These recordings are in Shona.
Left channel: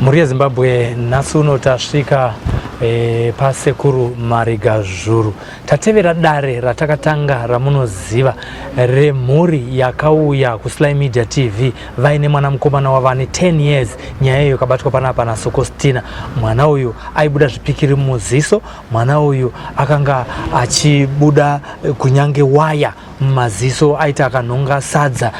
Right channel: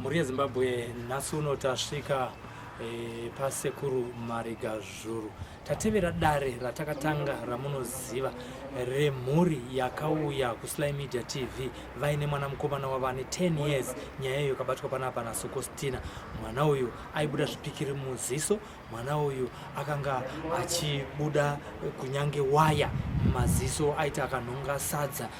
Muri Zimbabwe nhasi uno tasvika pasekuru Marigazhuru. Tatevera dare ratakatanga ramunoziva remhuri yakauya kuSly Media TV vaine mwana mukomana wavane 10 years. Nyaya iyo kabatwa panapa naSokostina. Mwana uyu aibuda zvipikiri muziso, mwana uyu akanga achibuda kunyange waya mumaziso, aita akanhonga sadza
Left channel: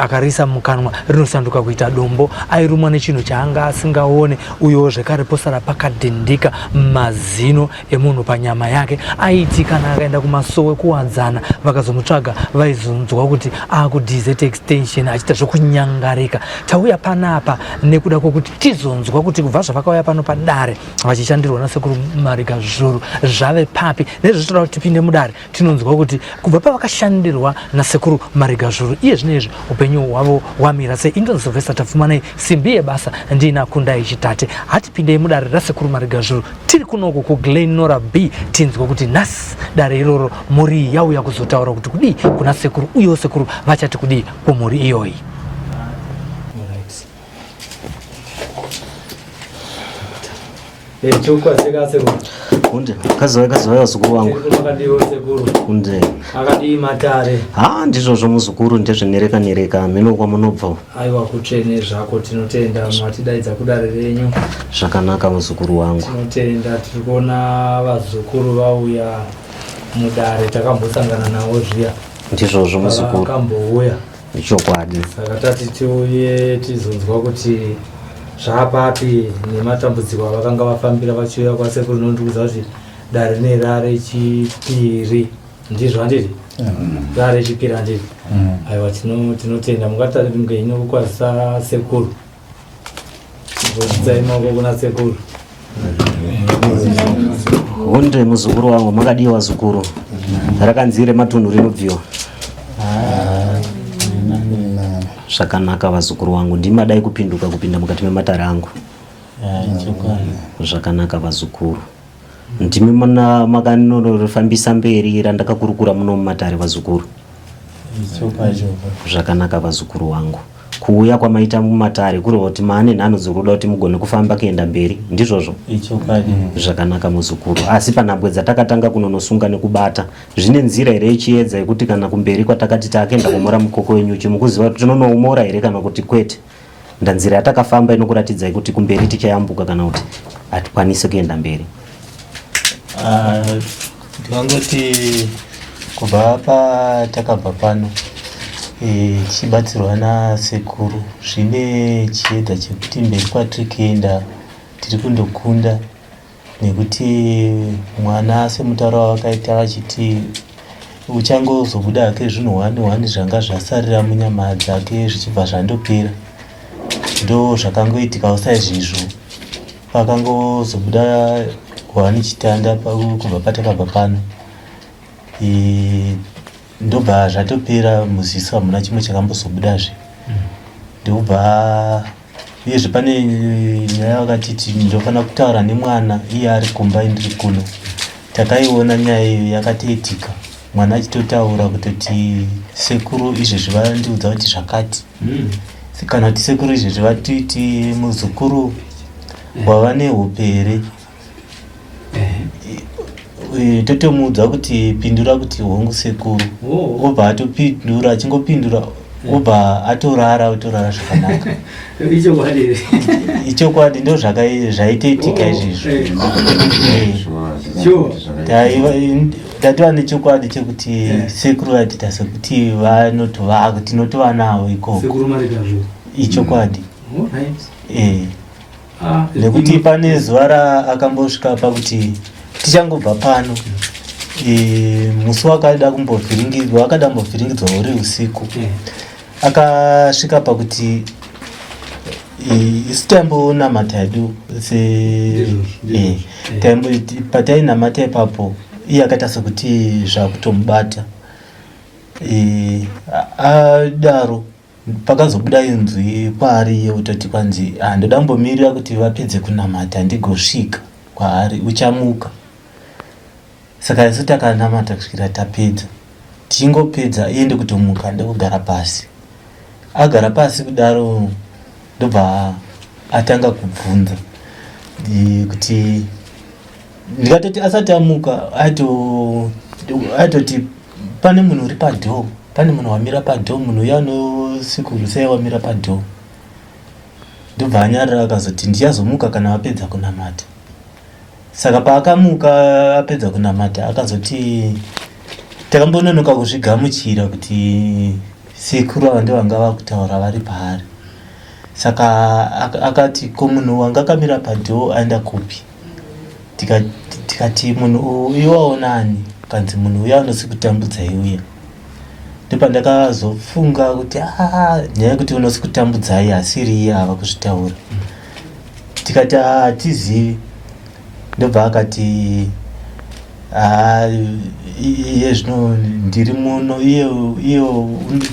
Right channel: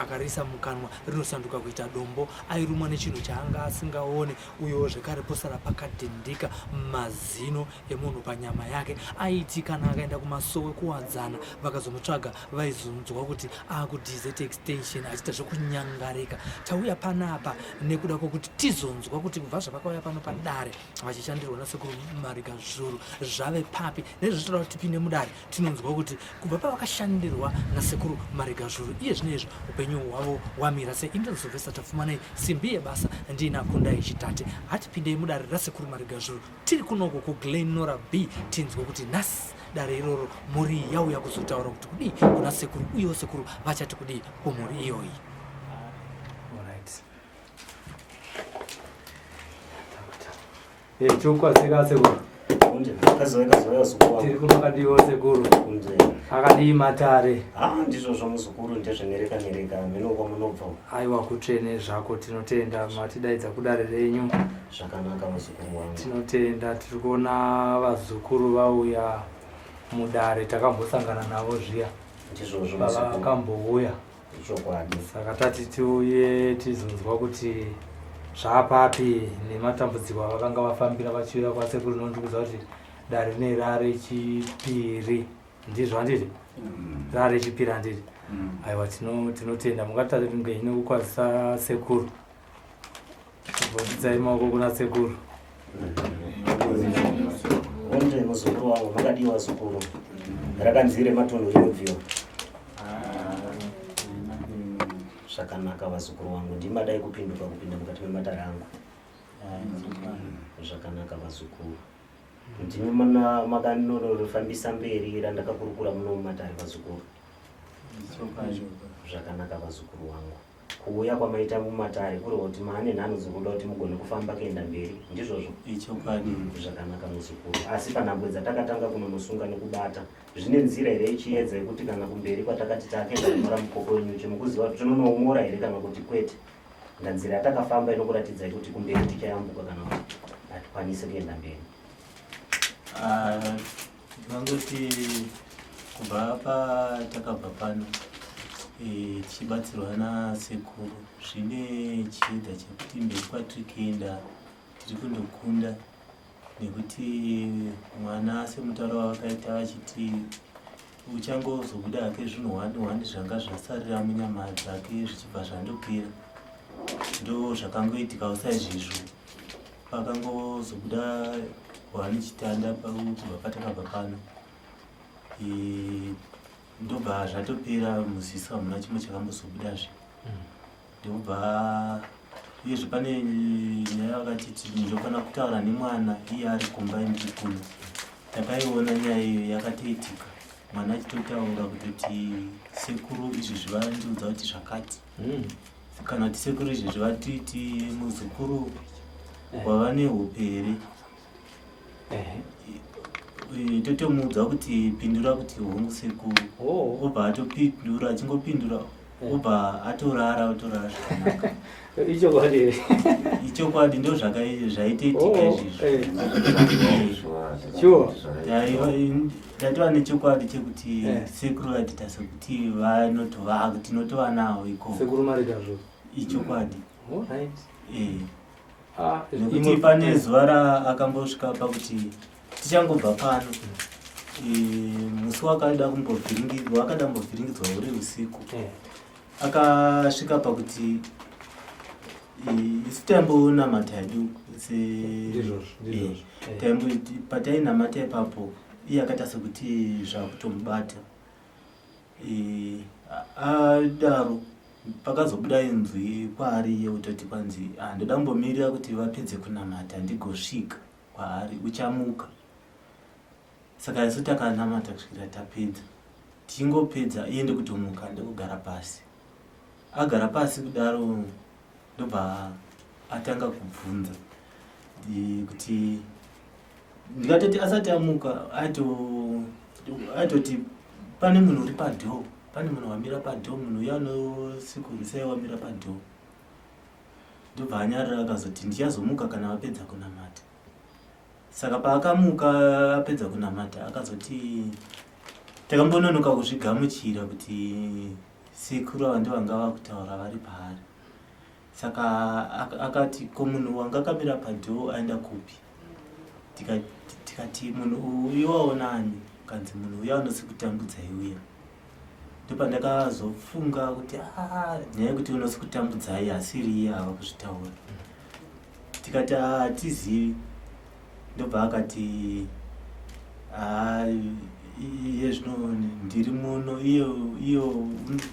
akarisa mukanwa rinosanduka kuita dombo, airumwa nechinhu chaanga asingaone, uyo zvekare posara pakadhindika mazino emunhu panyama yake. Aiti kana akaenda kumasowe kuwadzana vakazomutsvaga vaizonzwa kuti akuDZT extension achiita zvokunyangarika. Tauya panapa nekuda kwokuti tizonzwa kuti kubva zvavakauya pano padare vachishandirwa nasekuru Marigazhuru zvave papi, nezvitoda kuti tipinde mudare tinonzwa kuti kubva pavakashandirwa nasekuru Marigazhuru iye zvinezvi upenyu hwavo hwamira sei. Indoni Sylvester Tafumanei, simbi yebasa ndina Kundai Chitate. Hatipindei mudare rasekuru Marigazhuru, tiri kunoko kuGlenora B, tinzwa kuti nhasi dare iroro mhuri yauya kuzotaura kuti kudii kuna sekuru, uyewo sekuru vachati kudii kumhuri iyoyi. Kunde kazoya zukuru wangu kunde akadii matare ndizvozvo muzukuru ndezvenereka mhino kwamunobva. Aiwa kutsvene zvako, tinotenda matidaidza kudare renyu. Zvakanaka muzukuru wangu, tinotenda. Tiri kuona vazukuru vauya mudare, takambosangana navo zviya. Ndizvozvo muzukuru, akambouya ichokwadi. Saka tati tiuye tizonzwa kuti zvapapi nematambudziko avakanga vafambira vachiuya kwasekuru. Nondiudza kuti dare nerare chipiri, ndizvo handiti? Rare chipiri handiti? Aiwa, tinotenda. Mungatarimungenyu kwazisa sekuru, ngodzidzai maoko kuna sekuru. Hunde muzukuru wangu, makadiwa zukuru. Rakanzire matunhu rinobviwa. Zvakanaka vazukuru wangu, ndimadai kupinda mukati mematare angu. Zvakanaka vazukuru, ndimi makanofambisa mberi randakakurukura muno mumatare vazukuru. Zvakanaka vazukuru wangu, kuuya kwamaita mumatare kuri kuti maane nhano dzekuda kuti mugone kufamba kuenda mberi, ndizvozvo? Zvakanaka muzukuru, asi panhambwe dzatakatanga kunonosunga nekubata zvine nzira here ichiedza yekuti kana kumberi kwatakati taakenda kumora mukoko wenyuchi mukuziva kuti tinonoumora here kana kuti kwete? Ndanzira yatakafamba inokuratidza kuti kumberi tichayambuka kana kuti hatikwanisi kuenda mberi? Ndingangoti kubva patakabva pano tichibatsirwa nasekuru zvine chiedza chekuti mberi kwatiri kuenda tiri kundokunda, nekuti mwana semutauro wavakaita vachiti uchangozobuda hake zvinhu 1 zvanga zvasarira munyama dzake zvichibva zvandopera. Ndo zvakangoitika usaizvizvo, pakangozobuda 1 chitanda kubva patakabva pano, ndobva zvatopera muziso, hamuna chimwe chakambozobudazve. Ndobva uyezve pane nyaya vakatiti ndofanira kutaura nemwana iye ari kumba indiri kuno. Takaiona nyaya iyo yakatoitika, mwana achitotaura kutoti sekuru izvezvi vandiudza kuti zvakati, kana kuti sekuru izvezvi vatiti muzukuru wava neupere. Totomuudza kuti pindura kuti hongu sekuru, obva atopindura, achingopindura obva atorara zvakanaka. Ichokwadi ndo zvaitoitika izvizvo. Tatova nechokwadi chekuti sekuru atita sekuti tinotova nawo ikoko. Ichokwadi. Nekuti pane zuva raakambosvika pakuti tichangobva pano, musi wakada kumbovhiringidzwa, akada kumbovhiringidzwa uri usiku, akasvika pakuti isu tambonamata hedu patainamata ipapo iye akaita sekuti zvakutomubata. Adaro pakazobuda inzwi kwaari yeutoti kwanzi ndoda kumbomirira kuti vapedze kunamata ndigosvika kwaari, uchamuka. Saka isu takanamata kusvikira tapedza, tichingopedza iye ndikutomuka ndokugara pasi. Agara pasi kudaro ndobva atanga kubvunza kuti ndikatoti asati amuka atoti pane munhu uri padhoo, pane munhu wamira padhoo, munhu uya unosikuru sei wamira padhoo. Ndobva anyarira akazoti ndichazomuka kana apedza kunamata. Saka paakamuka apedza kunamata akazoti takambononoka kuzvigamuchira kuti sekuru ava ndovanga vakutaura vari paari. Saka akati ko munhu wanga akamira padhoo aenda kupi? Tikati munhu uyu waonani? Kanzi munhu uya unosikutambudza iuya. Ndopandakazofunga kuti nyaya yekuti unosikutambudzai asiri iye ava kuzvitaura. Tikati hatizivi. Ndobva akati iye zvino ndiri muno, iye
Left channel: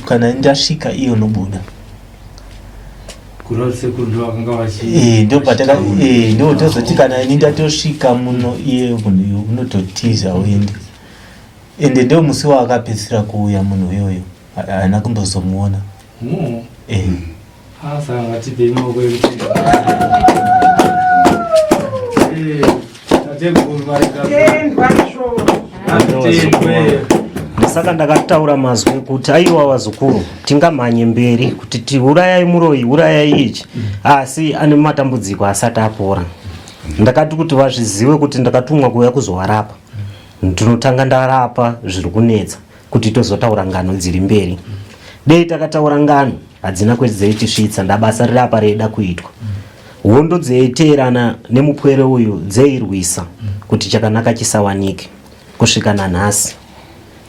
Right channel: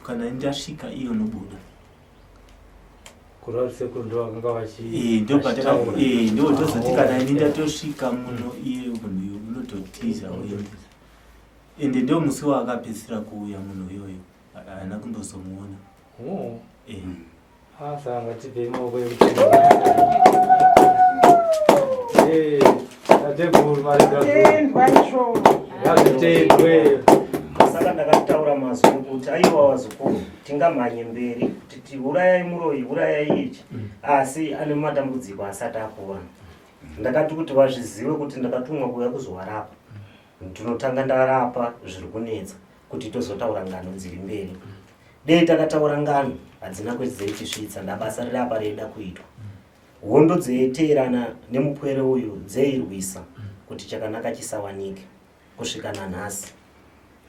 kana ndasvika iye unobuda. Ndotozoti kana ini ndatosvika muno iye munhu unototiza uende. Ende ndo musi waakapedzisira kuuya munhu uyoyo, haana kumbozomuona. Saka ndakataura mazwi ekuti aiwa wazukuru tingamhanye mberi kuti tiurayai muroyi, urayai ichi, asi ane matambudziko asati apora. Ndakati kuti vazvizive kuti ndakatumwa kuuya kuzovarapa. Ndinotanga ndarapa zviri kunetsa kuti tozotaura ngano dziri mberi. Dei takataura ngano hadzina kwedzeitisvitsa, ndabasa rirapa reida kuitwa. Hondo dzeiteerana nemupwere uyu dzeirwisa kuti chakanaka chisawanike kusvika nanhasi.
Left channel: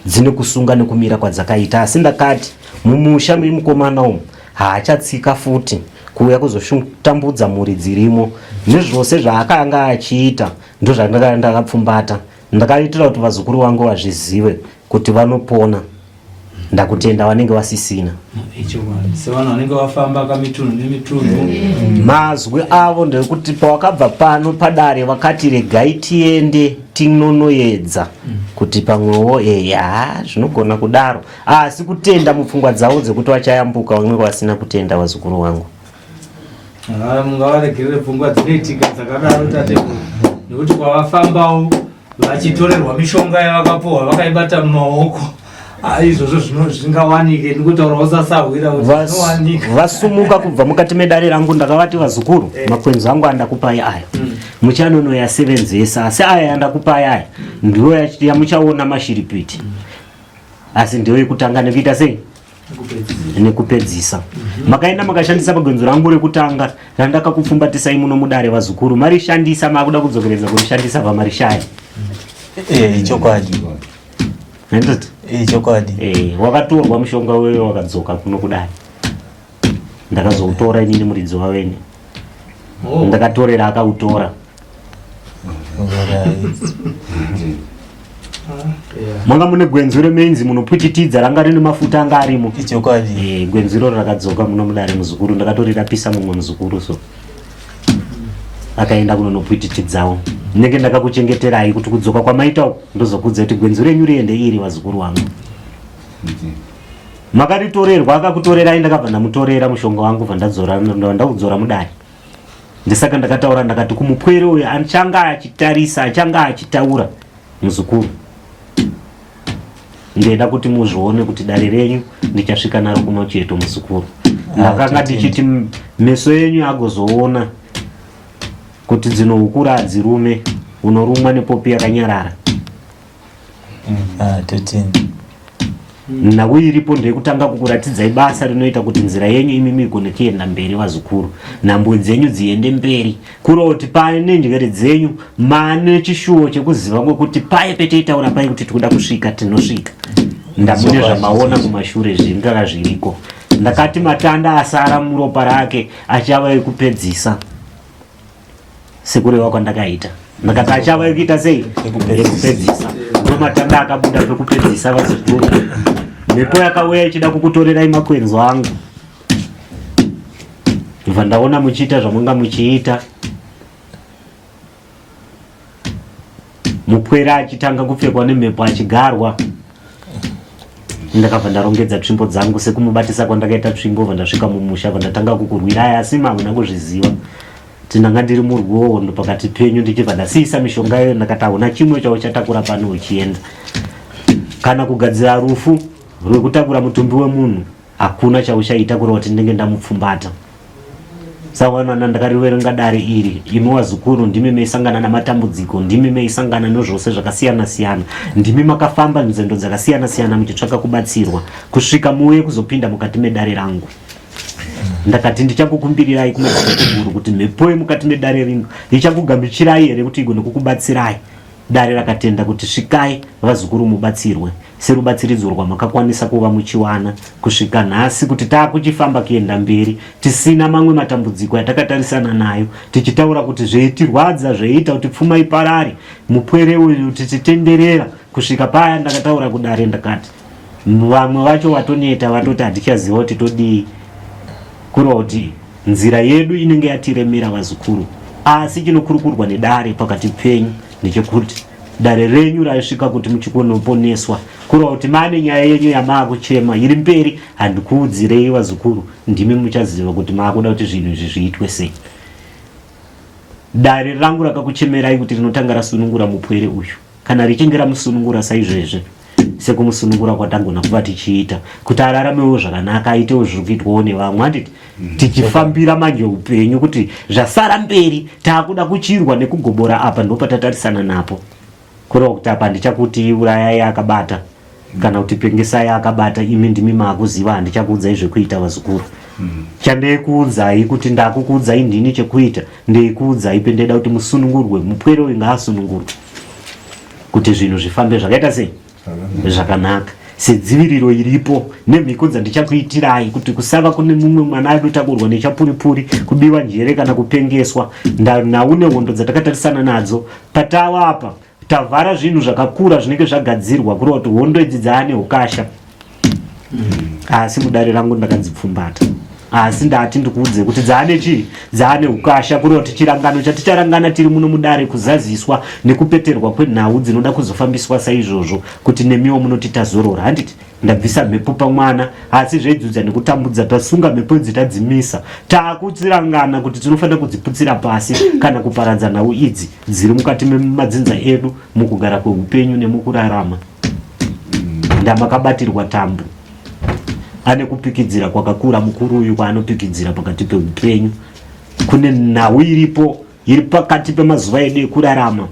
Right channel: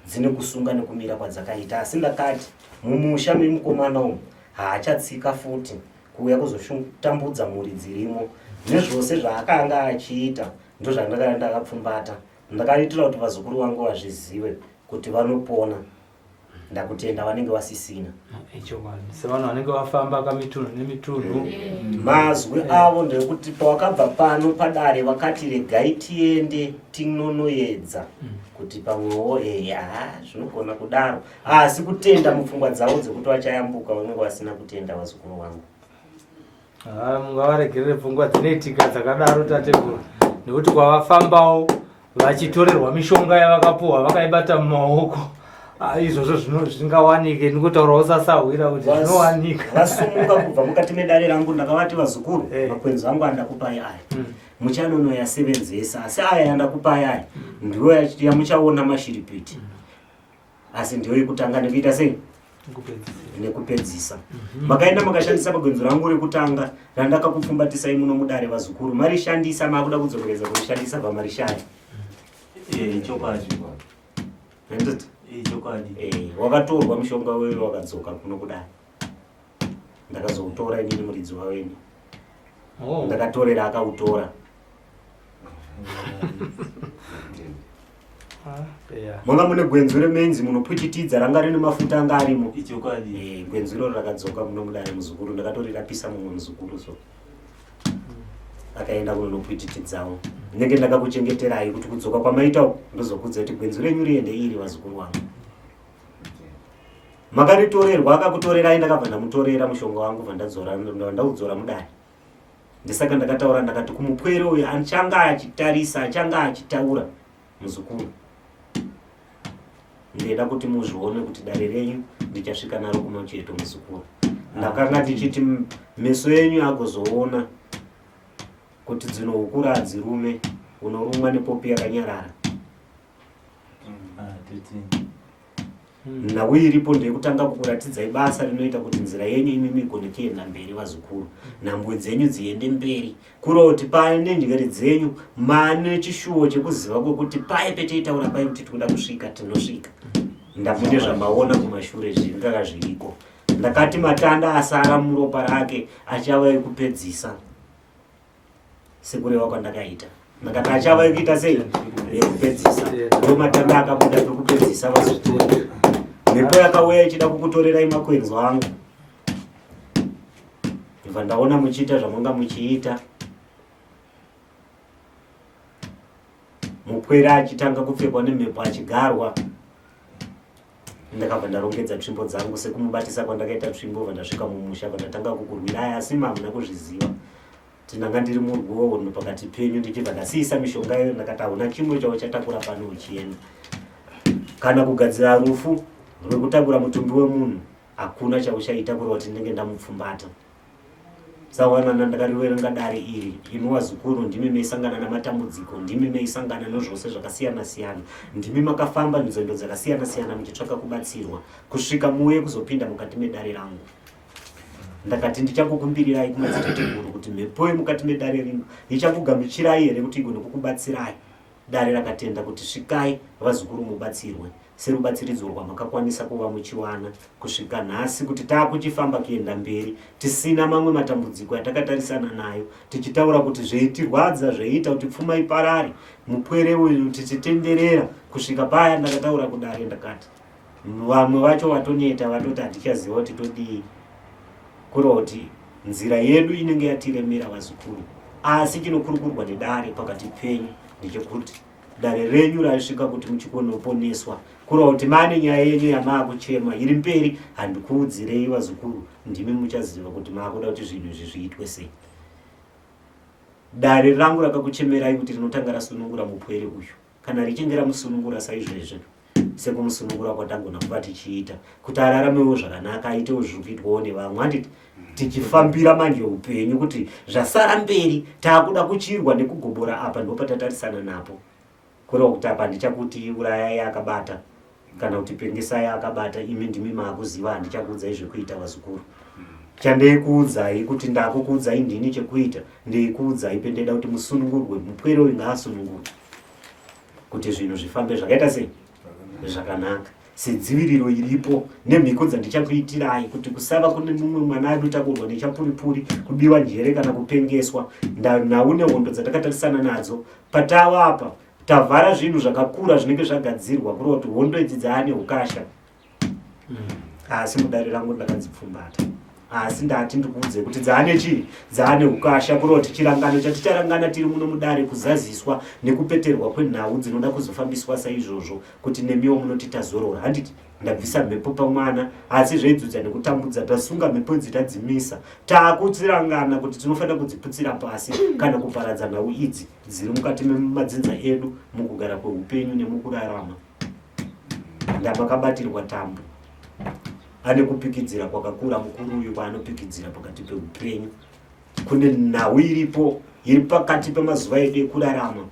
Dzine kusunga nekumira kwadzakaita, asi ndakati mumusha memukomana umu haachatsika futi kuuya kuzotambudza mhuri dzirimo. Nezvose zvaakanga achiita ndozvandakanga ndakapfumbata. Ndakaitira kuti vazukuru vangu vazvizive kuti vanopona. Ndakutenda vanenge vasisina. Mazwi avo ndekuti pawakabva pano padare vakati regai tiende tinonoedza kuti pamwewo zvinogona kudaro, asi kutenda mupfungwa dzavo dzekuti vachayambuka vamwe vasina kutenda vazukuru vangu. Mungavaregerere pfungwa dzinoitika dzakadaro tatekuru, nekuti kwavafambawo vachitorerwa mishonga yavakapuhwa vakaibata mumaoko. Izvozvo zvingawanike ndikutaura usasahwira kuti zvinowanika. Vasumuka kubva mukati medare rangu ndakavati vazukuru, makwenzi angu andakupai aya, muchanonoyasevenzesa, asi aya andakupai aya ndiwo yamuchaona mashiripiti, asi ndiyo yekutanga nekuita sei? Nekupedzisa. Makaenda makashandisa pagwenzo rangu rekutanga randakakupfumbatisai muno mudare vazukuru, marishandisa makuda kudzokeredza kurishandisa pamarishaya. Chokwadi. Ndoti chokwadi. Wakatorwa mushonga wewe wakadzoka kuno kudai. Ndakazoutora inini muridzi wavene. Ndakatorera akautora. Manga mune gwenzi remenzi munopwititidza ranga rine mafuta anga arimo. Chokwadi. Gwenzi ro rakadzoka muno mudare muzukuru, ndakatorerapisa mumwe muzukuru so. Akaenda kunonopwititidzawo. Ndenge ndakakuchengeterai kuti kudzoka kwamaita ndozokudza kuti gwenzi renyu riende iri vazukuru vangu. Makaritorerwa akakutorerai, ndakabva ndamutorera mushonga wangu ndaudzora mudare. Ndisaka ndakataura ndakati kumupwere uyu achanga achitarisa, achanga achitaura muzukuru, ndeda kuti muzvione kuti dare renyu ndichasvika naro kumacheto muzukuru. Ndakanga ndichiti meso enyu agozoona kuti dzinoukura hadzirume, unorumwa nepopi yakanyarara. Nhau iripo ndekutanga kukuratidzai basa rinoita kuti nzira yenyu imimi igone kuenda mberi vazukuru, nhambwe dzenyu dziende mberi, kureva kuti pane njere dzenyu mane chishuwo chekuziva kuti paye petitaura pai kuti tikuda kusvika tinosvika. Ndamune zvamaona kumashure zvingava zviriko. Ndakati matanda asara muropa rake achava ekupedzisa sekureva kwandakaita. Ndakati achava ekuita sei? Ekupedzisa. Matanda akabuda pekupedzisa vazukuru. Mhepo yakauya ichida kukutorerai makwenzo angu. Ndibva ndaona muchiita zvamanga muchiita. Mupwere achitanga kupfekwa nemhepo achigarwa. ndakabva ndarongedza tsvimbo dzangu sekumubatisa kwandakaita tsvimbo vandasvika mumusha vandatanga kukurwirai asi mavona kuzviziva ndanga ndiri murwondo pakati penyu ndichibva ndasiisa mishonga iyo ndakati hauna chimwe chavo chatakura pano uchienda kana kugadzira rufu rwekutakura mutumbi wemunhu hakuna chauchaita kureva kuti ndenge ndamupfumbata sawana ndakariverenga dare iri imi wazukuru ndimi meisangana namatambudziko ndimi meisangana nezvose zvakasiyana siyana ndimi makafamba nzendo dzakasiyana siyana muchitsvaka kubatsirwa kusvika muye kuzopinda mukati medare rangu ndakati ndichakukumbirirai kumadzitateguru kuti mhepo yemukati medare rino ichakugamuchirai here kuti igone kukubatsirai dare rakatenda kuti svikai vazukuru mubatsirwe serubatsiridzo rwamakakwanisa kuva muchiwana kusvika nhasi kuti taakuchifamba kuenda mberi tisina mamwe matambudziko yatakatarisana nayo tichitaura kuti zveitirwadza zveiita kuti pfuma iparari mupwere uyu tichitenderera kusvika paya ndakataura kudare ndakati vamwe vacho vatoneta vatoti hatichaziva kuti todii kureva kuti nzira yedu inenge yatiremera vazukuru asi chinokurukurwa nedare pakati penyu ndechekuti dare renyu raisvika kuti muchikonoponeswa kureva kuti mane nyaya yenyu yamaakuchema iri mberi handikuudzirei vazukuru ndimi muchaziva kuti maakuda kuti zvinhu izvi zviitwe sei dare rangu rakakuchemerai kuti rinotanga rasunungura mupwere uyu kana richinge ramusunungura saizvezve sekumusunungura kwatangona kuva tichiita kuti araramewo zvakanaka aitewo zviri kuitwawo nevamwe handiti tichifambira manje upenyu kuti zvasara mberi taakuda kuchirwa nekugobora apa ndopatatarisana napo kureva kuti apa ndichakuti urayai akabata kana kuti pengesai akabata imi ndimi maakuziva handichakuudzai zvekuita vazukuru chandeikuudzai kuti ndakukuudzai ndini chekuita ndeikuudzai pendeda kuti musunungurwe mupwere uyu ngaasunungurwe kuti zvinhu zvifambe zvakaita sei zvakanaka sedziviriro iripo nemhiko dzandichakuitirai kuti kusava kune mumwe mwana adotakurwa nechapuripuri kubiwa njere kana kupengeswa naune hondo dzatakatarisana nadzo patava apa tavhara zvinhu zvakakura zvinenge zvagadzirwa kureva kuti hondo idzi dzaane ukasha asi mudare rangu ndakadzipfumbata asi ndati ndikuudze kuti dzaane chii dzaane ukasha kureva kuti chirangano chaticharangana tiri muno mudare kuzaziswa nekupeterwa kwenhau dzinoda kuzofambiswa saizvozvo kuti nemiwo munoti tazorora handiti ndabvisa mhepo pamwana asi zveidzudza nekutambudza tasunga mhepo dzitadzimisa taakudzirangana kuti tinofanira kudziputsira pasi kana kuparadza nhau idzi dziri mukati memadzinza edu mukugara kweupenyu nemukurarama ndamakabatirwa tambo ane kupikidzira kwakakura mukuru uyu kwaanopikidzira pakati peupenyu kune nhau iripo iri pakati pemazuva edu ekurarama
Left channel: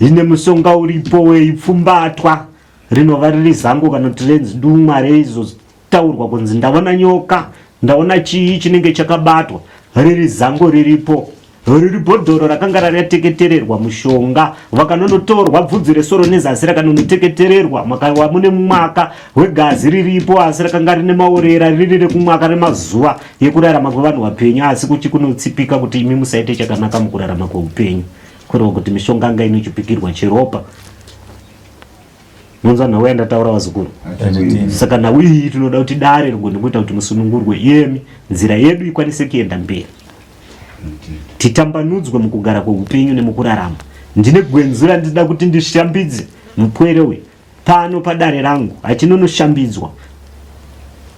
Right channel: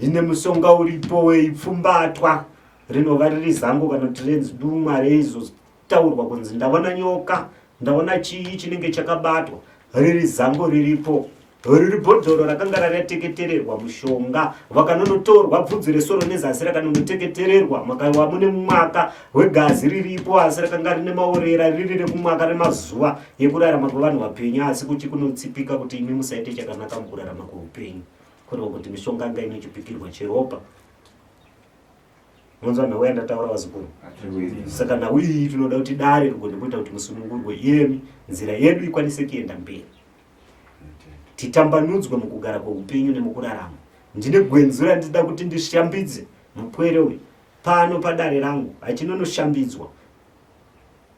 ine musonga uripo weipfumbatwa rinova riri zangu kana kuti renzidumwa reizotaurwa kunzi ndaona nyoka ndaona chii chinenge chakabatwa riri zango riripo riri bhodhoro rakanga rakateketererwa mushonga vakanonotorwa bvudzi resoro nezasi rakanonoteketererwa makawa mune mwaka wegazi riripo asi rakanga rine maurera riri rekumwaka remazuva ekurarama kwevanhu vapenyu asi kuchi kunotsipika kuti imi musaite chakanaka mukurarama kweupenyu kureva kuti mishonga anga inochipikirwa cheropa nonzwa nhau yandataura vazukuru saka nhau iyi tinoda kuti dare rigone kuita kuti musunungurwe iyemi nzira yedu ikwanise kuenda mberi titambanudzwe mukugara kweupenyu nemukurarama ndine gwenzi randida kuti ndishambidze mupwere uyu pano padare rangu hachinonoshambidzwa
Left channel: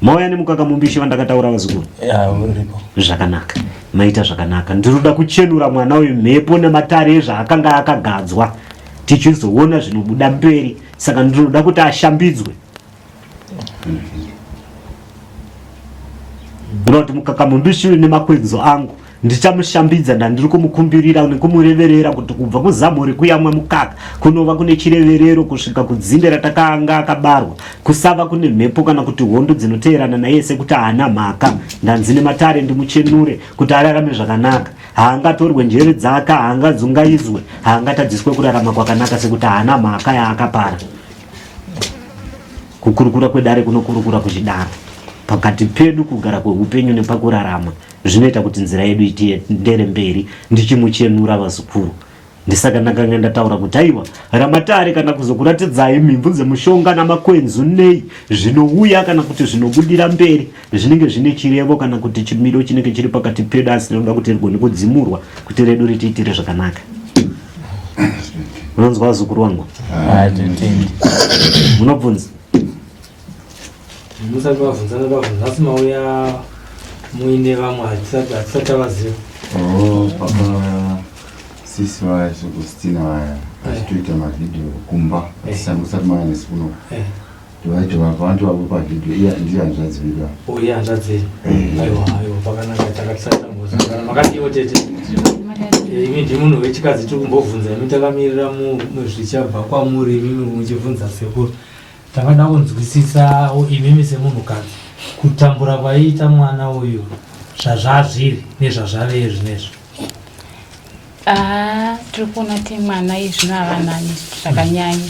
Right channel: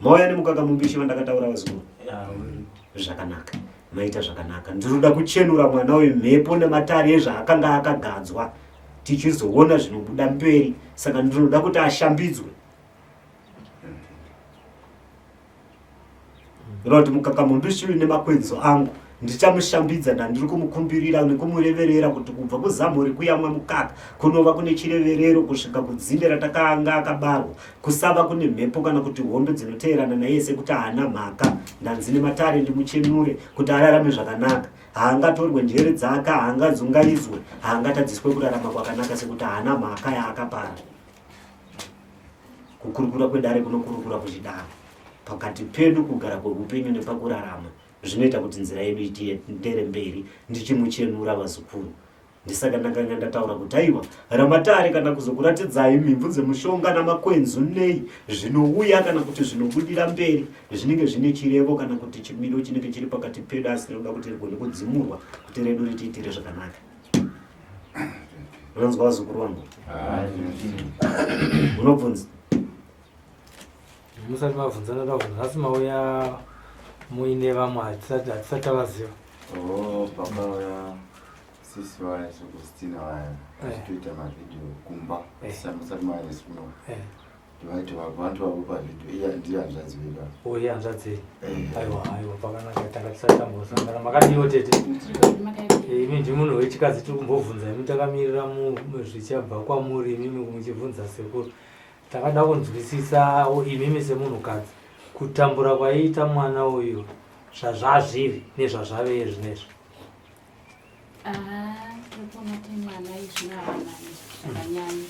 mauya nemukaka mumbishi vandakataura vazukuru zvakanaka maita zvakanaka ndinoda kuchenura mwana uyu mhepo nematare ezvaakanga akagadzwa tichizoona zvinobuda mberi saka ndinoda kuti ashambidzwe ndoda kuti mukaka mumbishi uyu nemakwenzo angu ndichamushambidza ndandiri kumukumbirira nekumureverera kuti kubva kuzamuri kuyamwa mukaka kunova kune chireverero kusvika kudzinde ratakanga akabarwa kusava kune mhepo kana kuti hondo dzinoteerana naye sekuti haana mhaka ndanzine matare ndimuchenure kuti ararame zvakanaka haangatorwe njere dzake haangadzungaizwe haangatadziswe kurarama kwakanaka sekuti haana mhaka yaakapara kukurukura kwedare kunokurukura kuchidaro pakati pedu kugara kweupenyu nepakurarama zvinoita kuti nzira yedu itiendere mberi ndichimuchenura vazukuru ndisaka ndakanga ndataura kuti aiwa ramatare kana kuzokuratidzai mhimvu dzemushonga namakwenzu nei zvinouya kana kuti zvinobudira mberi zvinenge zvine chirevo kana kuti chimiro chinenge chiri pakati pedu asi tinoda kuti rigone kudzimurwa kuti redu ritiitire zvakanaka unonzwa vazukuru wangu munobvunza musati vabvunzana asi mauya muine vamwe hatisati vaziva. Sisi vaya Sogustina vaya vachitoita mavhidhiyo kumba musati maya nesikuno vacho vantu vavo pavhidhiyo iya ndiye hanzvadzivika iye hanzvadziri. Aiwa pakanaka takatisatambuza makadiwo tete imi ndimunhu wechikadzi tiri kumbobvunza imi takamirira muzvichabva kwamuri imimi muchibvunza sekuru takada kunzwisisa imimi semunhukadzi kutambura kwaiita mwana uyu zvazvazviri nezvazvave zvinezvi. Tiri kuona kuti mwana izvino havanani zvakanyanya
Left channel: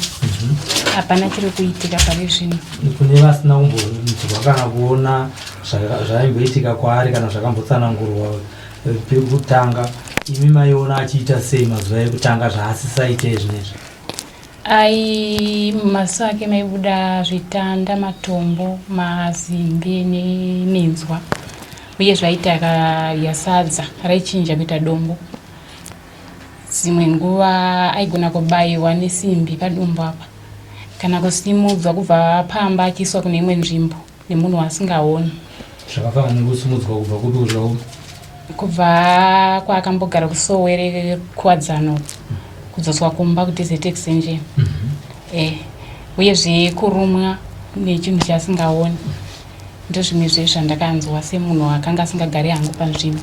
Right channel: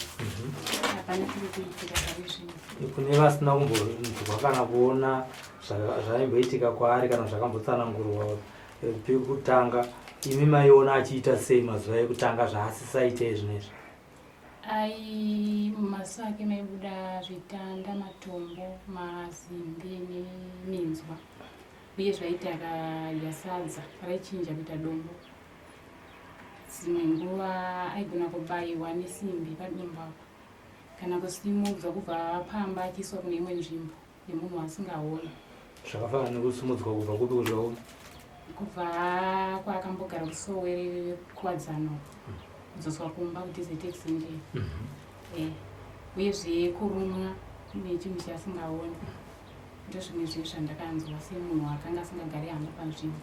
hapana chiri kuitika pari zvino. Kune vasina kumbonzwa kana kuona zvaimboitika kwaari kana zvakambotsanangurwa pekutanga imi maiona achiita sei mazuva ekutanga zvaasisaite zvinezvi? Maziso ake maibuda zvitanda, matombo, mazimbe neminzwa uye zvaita akarya sadza raichinja kuita dombo. Dzimwe nguva aigona kubayiwa nesimbi padumbu apa kana kusimudzwa kubva pamba achiiswa kune imwe nzvimbo nemunhu asingaoni. Zvakafanana nekusimudzwa kubva kudurau kubva kwaakambogara kusowere kuwadzano kudzoswa kumba kuti zetekisenje uyezve kurumwa nechinhu chasingaoni. Ndozvimwe zvezvandakanzwa semunhu akanga asingagari hangu panzvimbo.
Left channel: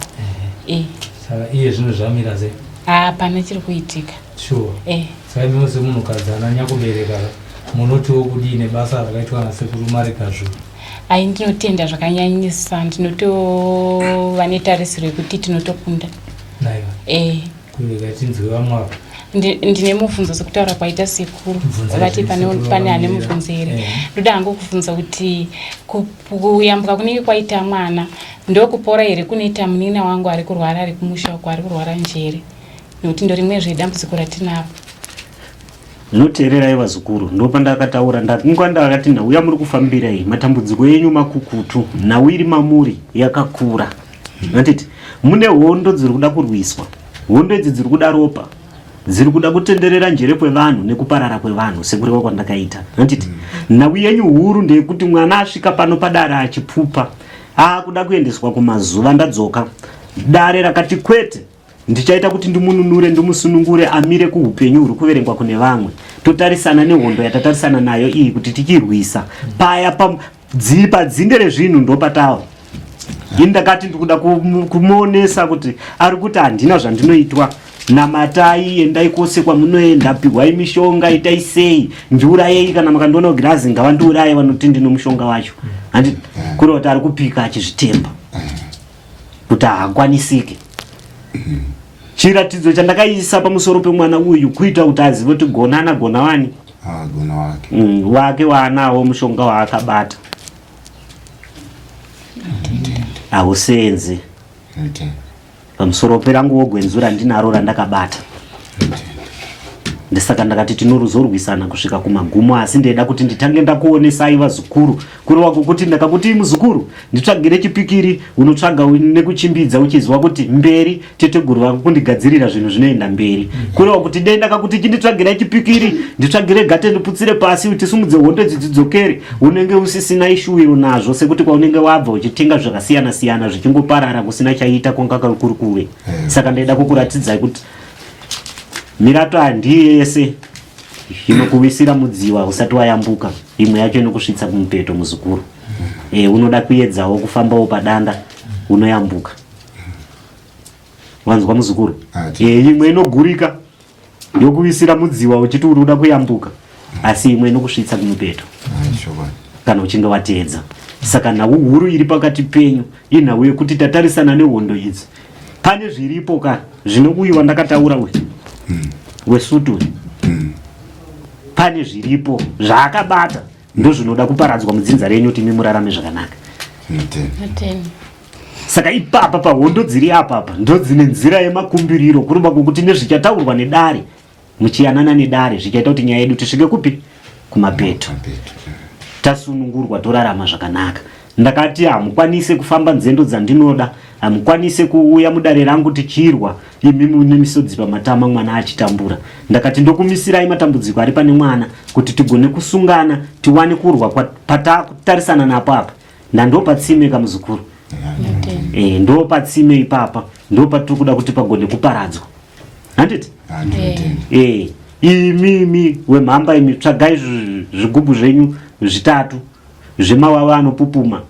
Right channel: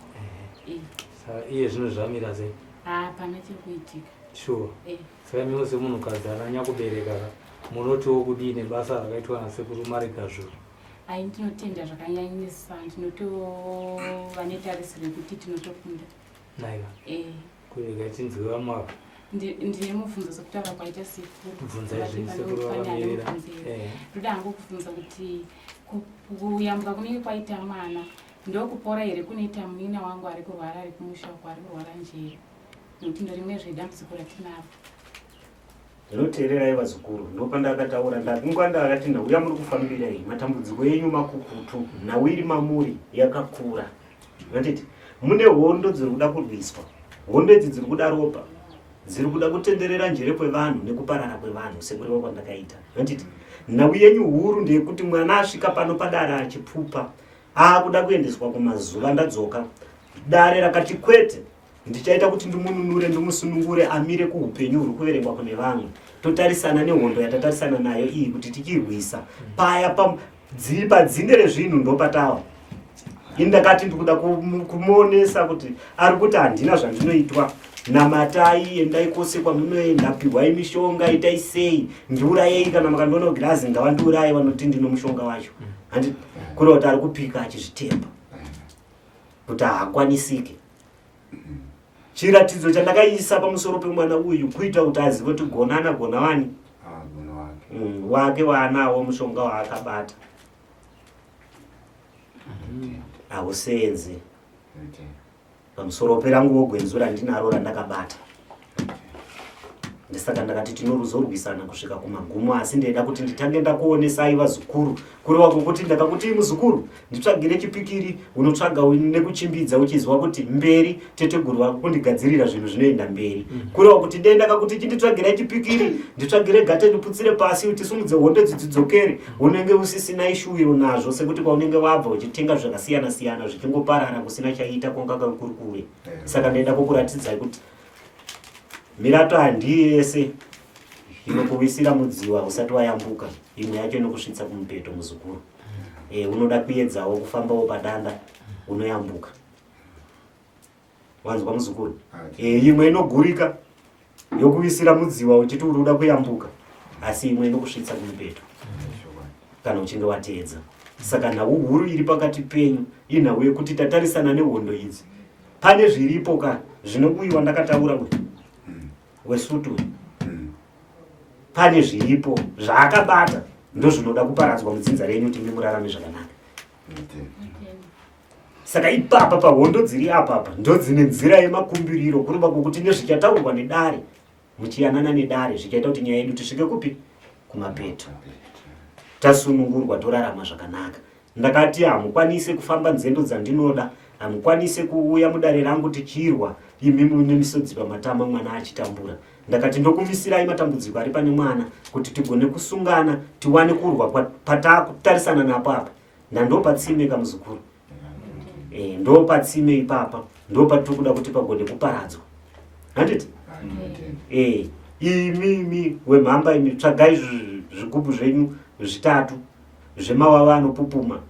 Saka iye zvino zvamira sei? Hapana chiri kuitika. Sure. Saka imi semunhukadzi ananya kubereka munotiwo kudii nebasa rakaitwa nasekuru Marigazhuru? Ndinotenda zvakanyanyisa, ndinotova netarisiro yekuti tinotokunda. Kubereka tinzwe vamwavo. Ndine mubvunzo sekutaura kwaita sekuru vati pane ane mubvunzo here. Ndoda hangu kubvunza kuti kuyambuka kunenge kwaita mwana ndokupora here kunoita munina wangu ari kurwara ari kumusha uko ari kurwara njere, nekuti ndorimwe zvedambudziko ratinaro. Zvinoteererai vazukuru, ndopandakataura ndakunga ndakati nhauya muri kufambirai matambudziko enyu makukutu, nhau iri mamuri yakakura. Ndatiti mune hondo dziri kuda kurwiswa, hondo idzi dziri kuda ropa, dziri kuda kutenderera njere kwevanhu nekuparara kwevanhu sekureva kwandakaita. Ndatiti nhau yenyu huru ndeyekuti mwana asvika pano padare achipfupa akuda kuendeswa kumazuva ndadzoka dare rakati kwete ndichaita kuti ndimununure ndimusunungure amire kuupenyu huri kuverengwa kune vamwe. Totarisana nehondo yatatarisana nayo iyi kuti tichirwisa paya padzinde rezvinhu ndopatawa. Indakati ndikuda kumuonesa kuti ari kuti handina zvandinoitwa. Namatai endai kwose kwamunoenda, pihwai mishonga, itai sei, ndiurayei kana makandiona kugirazi ngavandiuraye vanoti ndino mushonga wacho. Handi kuri kuti ari kupika achizvitemba kuti haakwanisike. Chiratidzo chandakaisa pamusoro pemwana uyu kuita kuti azive kuti gonana gona wani gona wake waanawo mushonga waakabata hausenze pamusoro perangu wogwenzura ndinaro randakabata. Ndisaka ndakati tinoruzorwisana kusvika kumagumo, asi ndeda kuti nditange ndakuonesai vazukuru kureva kwokuti ndakakuti muzukuru nditsvagire chipikiri unotsvaga nekuchimbidza uchizwa kuti mberi teteguru vako kundigadzirira zvinhu zvinoenda mberi. Kureva kuti dei ndakakuti chinditsvagira chipikiri nditsvagire gate ndiputsire pasi utisumudze hondo dzidzokere, unenge usisina ishuwiro nazvo sekuti kwaunenge wabva uchitenga zvakasiyana siyana zvichingoparara kusina chaita kwanga kuri kuve. Saka ndeda kukuratidzai kuti mirato handii yese inokuwisira mudziva usati wayambuka, imwe yacho inokusvitsa kumupeto muzukuru. Unoda kuedzawo kufambawo padanda unoyambuka. Wanzwa muzukuru? Imwe inogurika yokuwisira mudziva uchiti uri uda kuyambuka, asi imwe inokusvitsa kumupeto kana uchinge wateedza. Saka nhau huru iri pakati penyu inhau yekuti tatarisana nehondo idzi. Pane zviripo kana zvinobuyiwa ndakataura wesutu pane zviripo zvaakabata ndozvinoda kuparadzwa mudzinza renyu kuti mimurarame zvakanaka. Saka ipapa pahondo dziri apapa ndodzine nzira yemakumbiriro kurumba kwokuti nezvichataurwa nedare muchiyanana nedare zvichaita kuti nyaya yedu tisvike kupi kumapeto tasunungurwa torarama zvakanaka. ndakati hamukwanise kufamba nzendo dzandinoda, hamukwanise kuuya mudare rangu tichirwa imi mune misodzi pamatama mwana achitambura. Ndakati ndokumisirai matambudziko ari pane mwana kuti tigone kusungana tiwane kurwa patakutarisana napo apa. Ndandopa tsime kamuzukuru. Ndopa tsime ipapa ndopatiri kuda kuti pagone kuparadzwa. Handiti? Imi wemhamba imi tsvagai zvigubhu zvenyu 3 zvemawawa anopupuma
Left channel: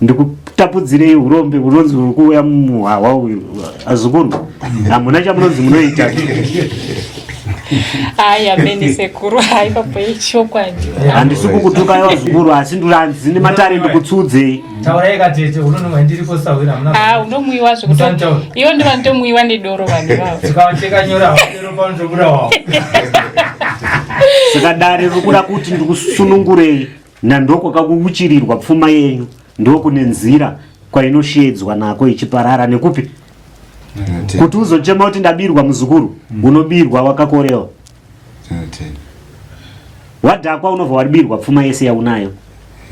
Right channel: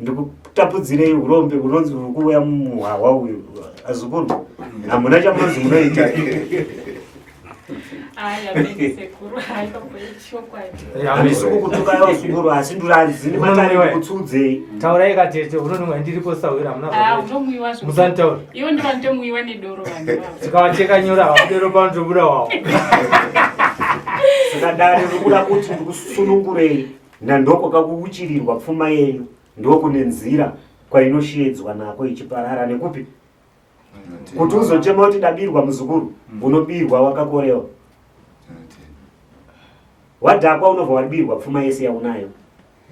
ndikutapudzirei urombe unonzi uri kuuya muhwawa uyu. Azukuru hamuna chamunonzi munoita. Ameni sekuru ipapo yechokwadi. Handisi kukutukai vazukuru asi ndine matare ndikutsudze. Unomwiwa zvekuti iwo ndivandomwiwa nedoro vanhu vavo. Saka dare rikuda kuti ndikusunungurei nandoko kakuuchirirwa pfuma yenyu ndokune nzira kwainoshedzwa nako ichiparara nekupi kuti uzochema kuti ndabirwa muzukuru unobirwa wakakorewa. Wadhakwa unobva wabirwa pfuma yese yaunayo.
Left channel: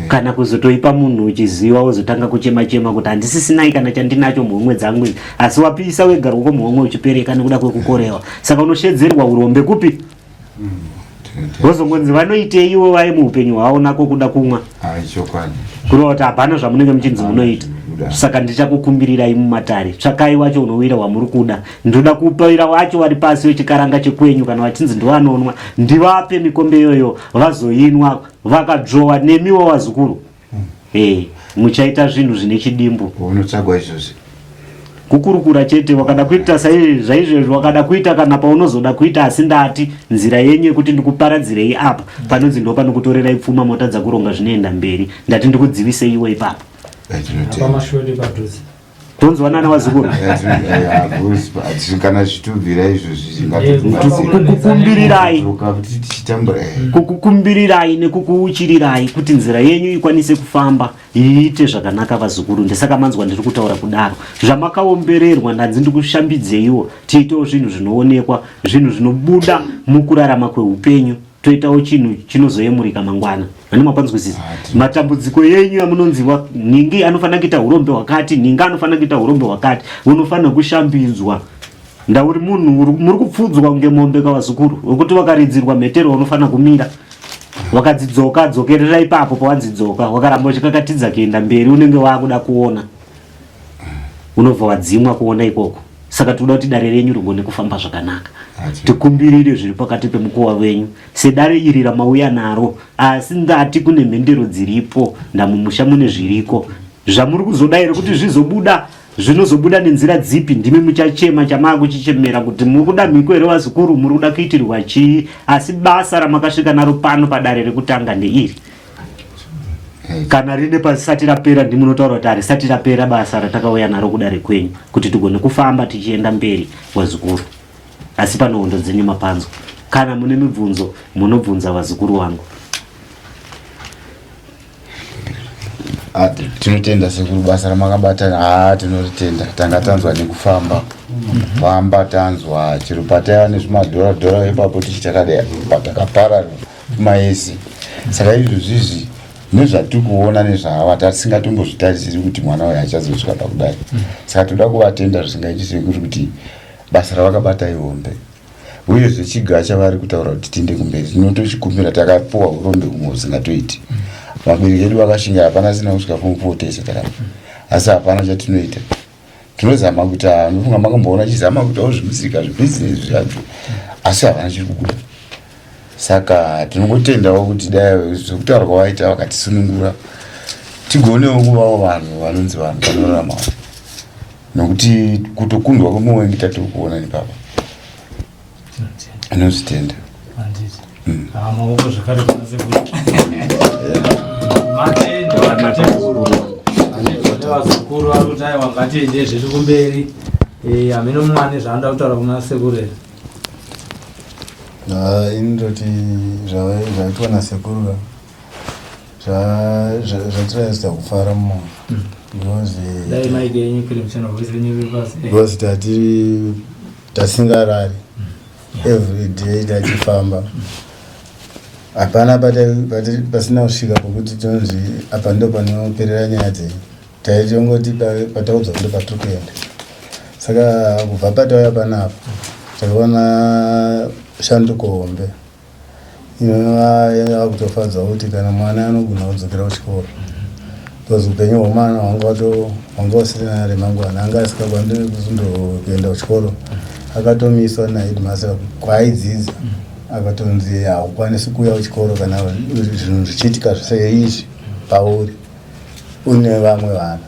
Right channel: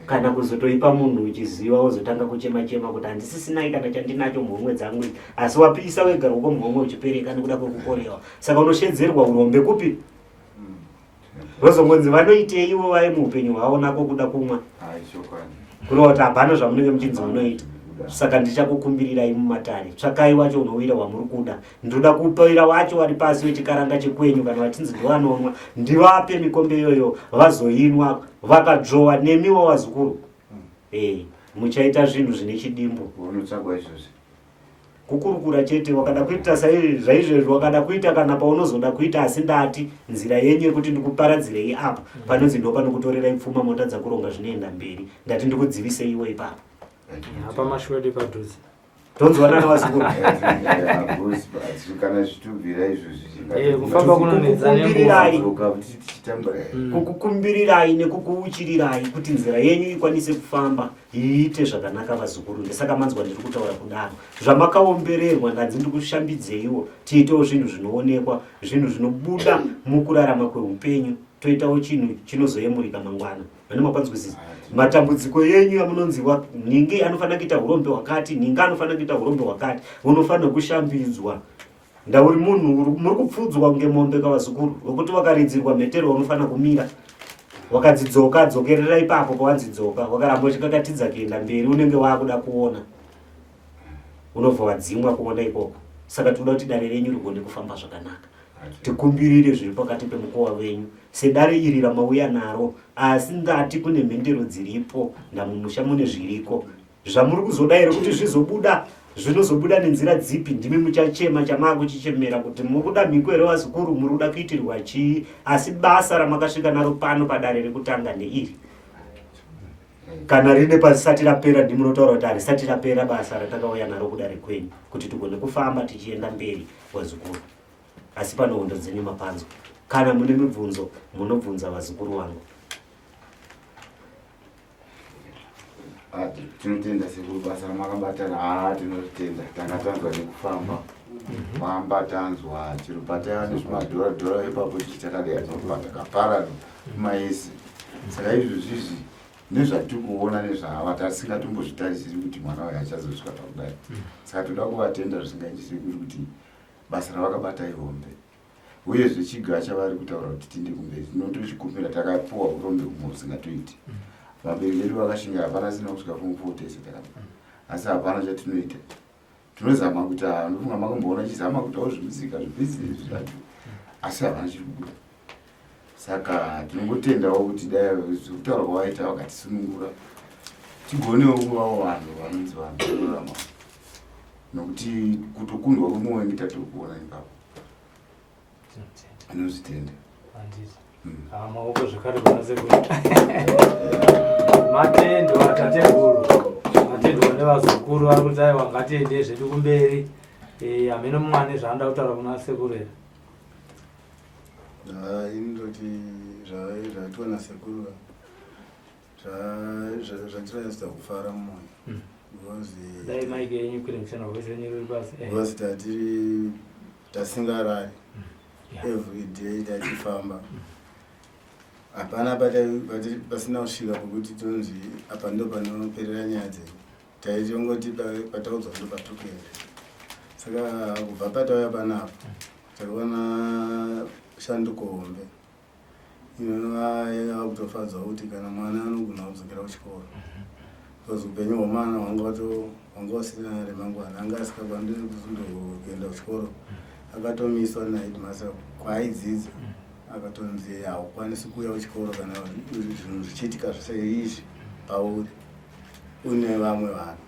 Kana kuzotoipa munhu uchiziva wozotanga kuchema kuti handisisinai kana chandinacho muhomwe dzangu asi wapisa wega ruoko muhomwe uchipereka nekuda kwekukorewa. Saka unoshedzerwa urombe kupi vozongonzi vanoitei ivo vai muupenyu hwavo nako kuda kumwa kurova kuti hapana zvamunenge muchinzi munoita. Saka ndichakukumbirirai mumatare tsvakai wacho unowira wamuri kuda. Ndoda kupawira wacho wari pasi wechikaranga chekwenyu kana vachinzi ndivanonwa ndivape mikombe iyoyo vazoinwa vakadzowa nemiwo vazukuru. Muchaita zvinhu zvine chidimbu. Unotsvagwa izvozvi kukurukura chete wakada kuita zvaizvozvo wakada kuita kana paunozoda kuita asi ndati nzira yenyu yekuti ndikuparadzirei apa panonzi ndopanokutorerai pfuma motadza kuronga zvinoenda mberi ndati ndikudzivisei iwe ipapo. Tonzwanana wazukuru. Kana zvitubvira izvozvi kukukumbirirai nekukuuchirirai kuti nzira yenyu ikwanise kufamba iite zvakanaka vazukuru. Ndisaka manzwa ndiri kutaura kudaro. Zvamakaombererwa ndanzi ndikushambidzeiwo tiitewo zvinhu zvinoonekwa, zvinhu zvinobuda mukurarama kweupenyu, toitawo chinhu chinozoyemurika mangwana. Ani mwapanzwisisa matambudziko yenyu amunonziwa ningi anofanira kuita urombe wakati, ninga anofanira kuita urombe wakati, unofanira kushambidzwa. Ndauri munhu muri kupfudzwa ngemombe kavazukuru wekuti wakaridzirwa mhetero unofanira kumira wakadzidzoka dzokerera ipapo pawanzidzoka wakaramba uchikakatidza kuenda mberi unenge wakuda kuona unobva wadzimwa kuona ikoko. Saka toda kuti dare renyu rigone kufamba zvakanaka. Tikumbirire zviri pakati pemukuwa wenyu sedare iri ramauya naro asi ndati kune mhendero dziripo ndamumusha mune zviriko zvamuri kuzoda here kuti zvizobuda zvinozobuda nenzira dzipi. Ndimi muchachema chamakuchichemera kuti mukuda mhiko here vazukuru muri kuda kuitirwa chii asi basa ramakasvika naro pano padare rekutanga ndeiri. Kana rine pasisati rapera ndimunotaura kuti harisati rapera basa ratakauya naro kudare kwenyu kuti tigone kufamba tichienda mberi vazukuru. Asi pano hondo dzine mapanzo. Kana mune mibvunzo munobvunza vazukuru vangu. Tinotenda sekuru basa ramakabata. Tinotenda tanga tanzwa nekufamba famba tanzwa chero pataya nezvimadhora ipapo tichitakadai patakaparara kumaesi. Saka izvozvizvi nezvatiri kuona nezvava tasingatombozvitarisiri kuti mwana wayo achazosvika pakudai. Saka toda kuvatenda zvisingaiti sekuru kuti basa ravakabata ihombe uyezve chigaa chavari kutaura kuti tinde kumberi. Tinotochikumbira takapuwa urombe kumwe usingatoiti. Vabereki vedu vakashinga hapana sina kusvika form 4 tese takati asi hapana chatinoita. Tinozama kuti nofunga makamboona chizama kuitawo zvimusika zvebhizinesi zvacho asi hapana chiri kubuda. Saka tinongotendawo kuti dai zvekutaura kwavaita vakatisunungura tigonewo kuvawo vanhu vanonzi vanhu vanoraramawo nokuti kutokundwa kwemumwe tatiri kuona nepapa anozvitenda. Vazukuru varikudai wangati nezviri kumberi hamene mwane zvaanda kutaura kuna sekuru here. Indoti zvaitwa nasekuru zvatiraiza kufara mumoyo because tasingarari every day tachifamba hapana pasina kusvika pokuti tinonzi apa ndo panoperera nyaya dzenyu. Taitongoti pataudzwa kuti patiri kuenda. Saka kubva patauya panapa takaona shanduko hombe inova kutofadza kuti kana mwana anogona kudzokera kuchikoro, because upenyu hwemwana hwanga usina remangwana, anga asikakwanisi kuenda kuchikoro. Akatomiswa naheadmaster kwaaidzidza akatonzi haukwanisi kuuya kuchikoro kana zvinhu zvichiitika seizvi pauri une vamwe vana.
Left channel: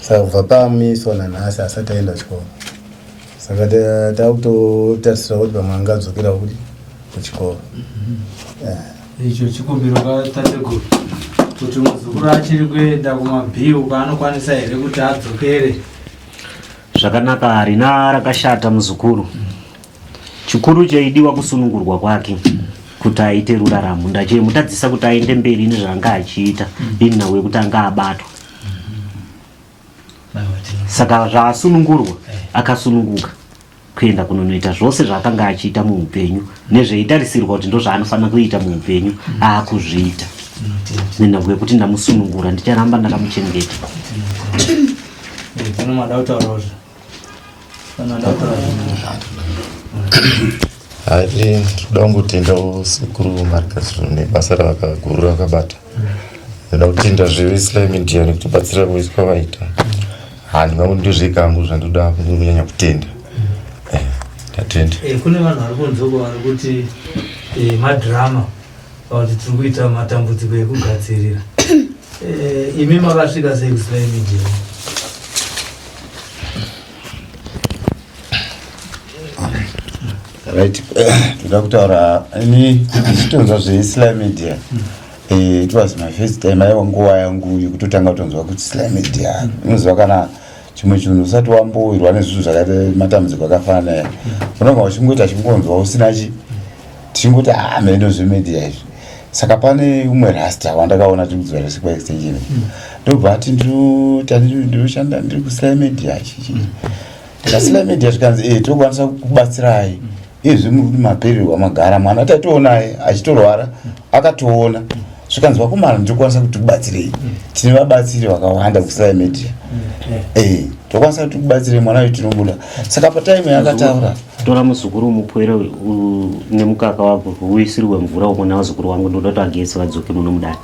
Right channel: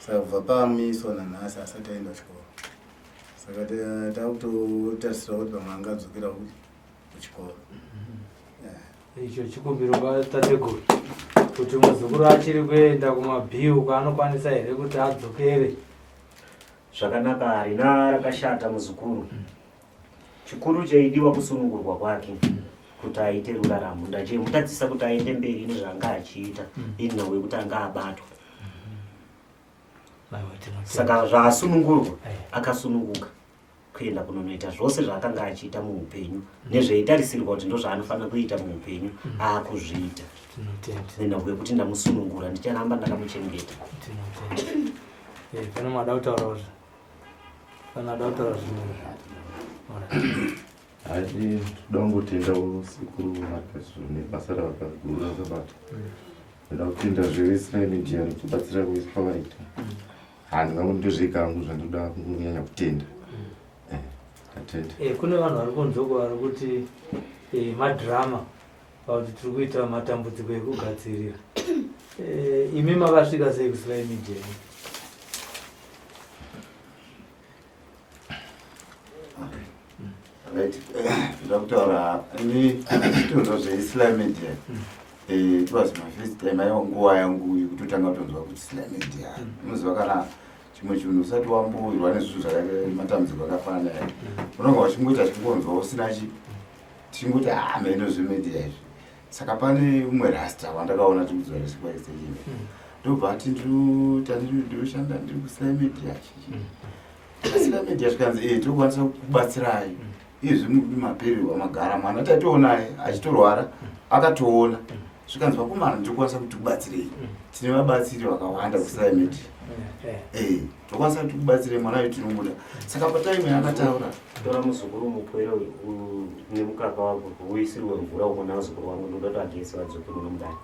Saka kubva pamiswa nanhasi asati aenda kuchikoro. Saka takutotarisira kuti pamwe angadzokera kuchikoro. Icho chikumbiro kwatateguru kuti muzukuru achiri kuenda kumabhiru kwaanokwanisa here kuti adzokere. Zvakanaka, harina rakashata muzukuru. Chikuru chaidiwa kusunungurwa kwake kuti aite ruraramo. Ndachimutadzisa kuti aende mberi nezvaanga achiita ini nawe kuti anga abatwa. Saka zvaasunungurwa akasununguka kuenda kunonoita zvose zvaakanga achiita muupenyu nezveitarisirwa kuti ndo zvaanofanira kuita muupenyu aakuzviita. Nenhau yekuti ndamusunungura ndicharamba ndakamuchengeta. Hari toda kungotenda sekuru Marigazuru nebasa ravakaguru rakabata. Ndoda kutenda zveveIslam India nekutibatsira kuiswa vaita. Handingaondi zvekangu zvandoda kunyanya kutenda. Tatenda. Kune vanhu vari kunzoko vari kuti madhirama kuti tiri kuita matambudziko ekugadzirira. Imi makasvika seIslam India? Right, toda kutaura ini ndichitonzwa zveIslam India. It was my first time aiwa nguva yangu yekutotanga kutonzwa kuti Islam India inoziva kana chimwe chinhu usati wambowirwa nezvinhu zvakaita matambudziko akafanana nayo unonga uchingoita chingonzwa usina tichingoti mhendo zvemedia izvi. Saka pane umwe rasta wandakaona tikudzwa resikwa extension ndobva ati ndiroshanda ndiri kuIslam India chichi Islam India zvikanzi tokwanisa kubatsirai izvi maperi wamagara mwana tatoonaye achitorwara akatoona zvikanzi vakomana ndikwanisa kuti kubatsirei. Tine vabatsiri vakawanda kuIslam India. Tokwanisa kuti kubatsirei mwana wedu tinomuda. Saka pataimu yakataura tora muzukuru mupwere nemukaka wako uisirwe mvura umwe wazukuru wangu ndoda kuti ageze vadzoke muno mudani.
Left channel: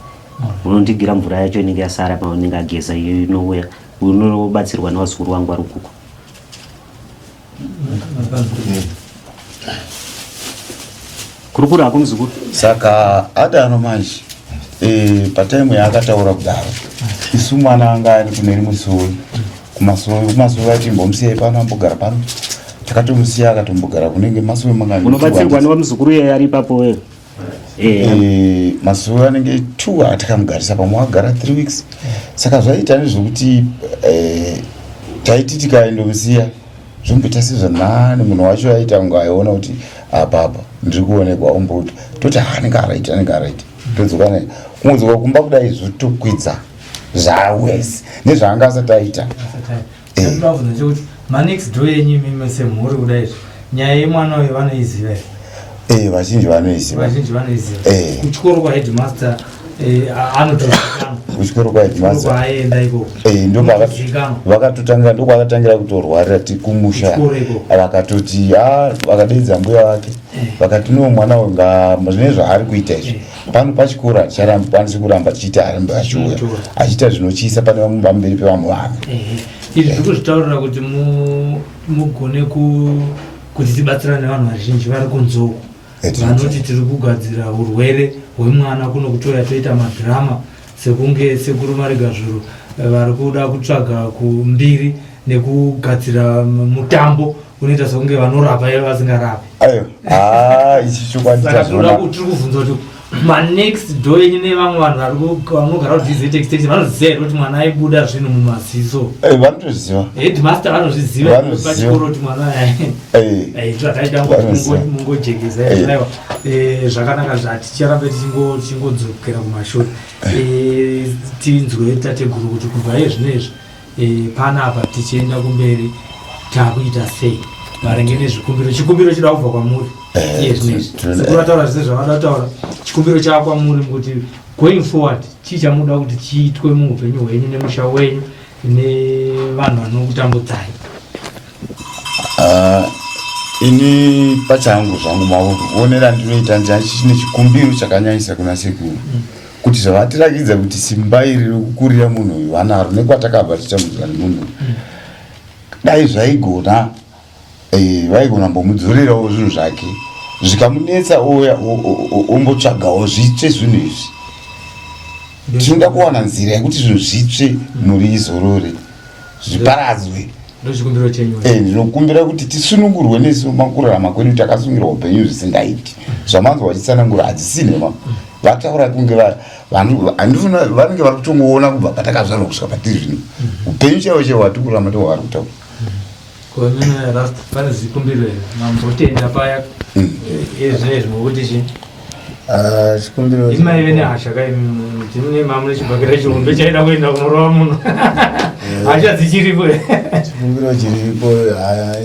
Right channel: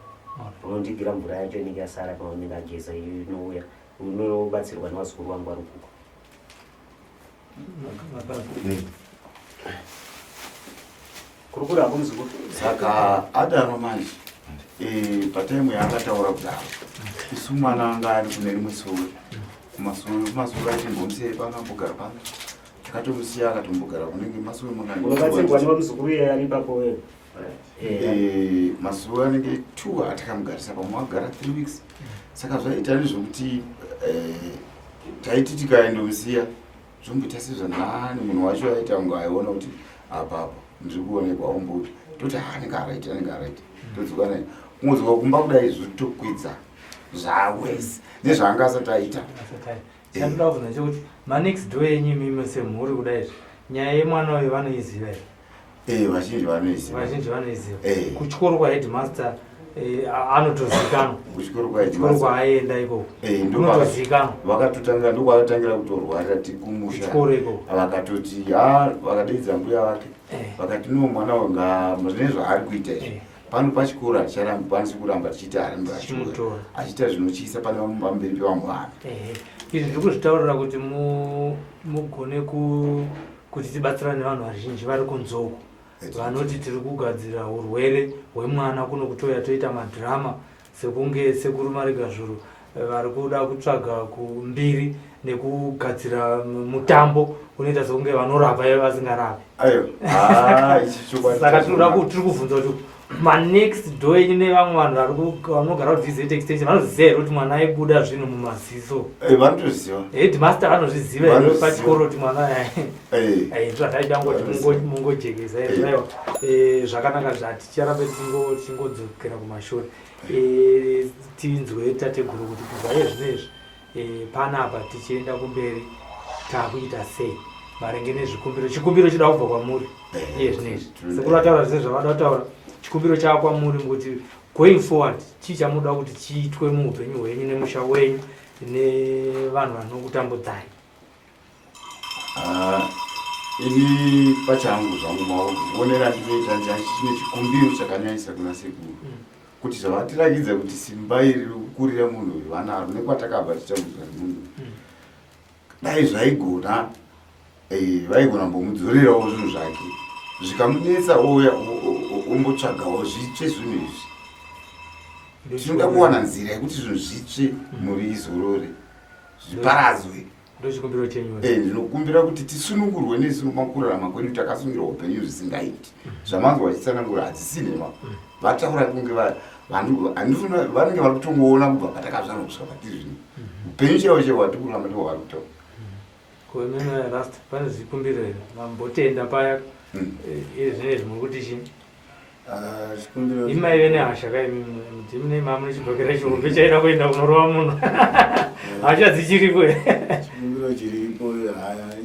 Unondigira mvura yacho inenge yasara paunenge ageza iyo inouya unobatsirwa navazukuru wangu vari ukuko. Kurukura hako muzukuru. Saka adano manje pataimu yaakataura kudaro isu mwana anga ari kune rimwe suo kumasoro achimbomsiyai pano ambogara pano takatomusiya akatombogara kunenge masuo mangani. Unobatsirwa nevamuzukuru iye ari ipapo wewe? Masuo anenge 2 atakamugarisa pamwe agara 3 weeks. Saka zvaita nezvokuti taiti tikaendomusiya zvomboita sezvanhane munhu wacho aita kunge aiona kuti apa ndiri kuonekwa omboda toti anenge araita todzoka naye kumudzoka kumba kudai zvotokwidza zvawese nezvaanga asati aita. Manext door yenyu mimi semhuri kudai nyaya yemwana uyu vanoiziva here? Vazhinji vanoiziva. Kuchikoro kwaheadmaster anotozikanwa. Kuchikoro kwaheadmaster aenda ikoko ndokwakatangira kutorwarira tikumusha vakatoti vakadeidza mbuya wake vakati no mwana uyu zvine zvaari kuita izvi pano pachikoro haticharambi kuramba tichiita arambe achiuya achiita zvinochiisa pane vamwe pamberi pevamwe vanhu. Izvi zvikuzvitaurira kuti mugone kuti tibatsirane nevanhu vazhinji vari kunzoko vanoti tiri kugadzira urwere hwemwana kuno kutoya toita madhirama sekunge sekuru Marigazuru vari kuda kutsvaga kumbiri nekugadzira mutambo unoita sekunge vanorapa vasingarapi. Ichi chokwadi tiri kuvhunza kuti manext door ine vamwe vanhu vanogara kudizet extension vanoziva kuti mwana aibuda zvinhu mumaziso. Vanotoziva. Headmaster vanozviziva pachikoro kuti mwana zvataitangojekesa zvakanaka zvaticharamba tichingodzokera kumashori. Tinzwe tateguru kuti kubva yezvinezvi panapa tichienda kumberi takuita sei maringe nezvikumbiro. Chikumbiro chiri kubva kwamuri kurataura zvese zvavadataura. Chikumbiro chakwamuri kuti going forward chii chamunoda kuti chiitwe muupenyu hwenyu nemusha wenyu nevanhu vanokutambudzai. Ini pachangu zvangu maonera ndinoita ndine chikumbiro chakanyanyisa kuna sekuru kuti zvavatirakidza kuti simba iri rikukurira munhu uyu anaro nekwatakabva titambudzwa nemunhu dai zvaigona vaigona mbomudzorerawo zvinhu zvake zvikamunetsa oya ombotsvagawo zvitsve zvinhu izvi tinga kuwana nzira yekuti zvinhu zvitsve muri izorore zviparadzwe. Ndinokumbira kuti tisunungurwe nesu makurarama kwedu takasungira upenyu zvisingaiti zvamanzwa vachitsanangura hadzisine vataura kunge handifuna vanenge vari kutongoona kubva patakazvarwa kusvika patiri zvino upenyu chaivo chaivo hwatikurarama ndiwo hwari kutaura. Pane zvikumbiro here mambotenda paya ezvinezvi mokuti chii chikumbiro imaive nehasha kaimune mamune chimagera chihondo chaida kuenda kunorova munhu hasha dzichiripo. chikumbiro chiripo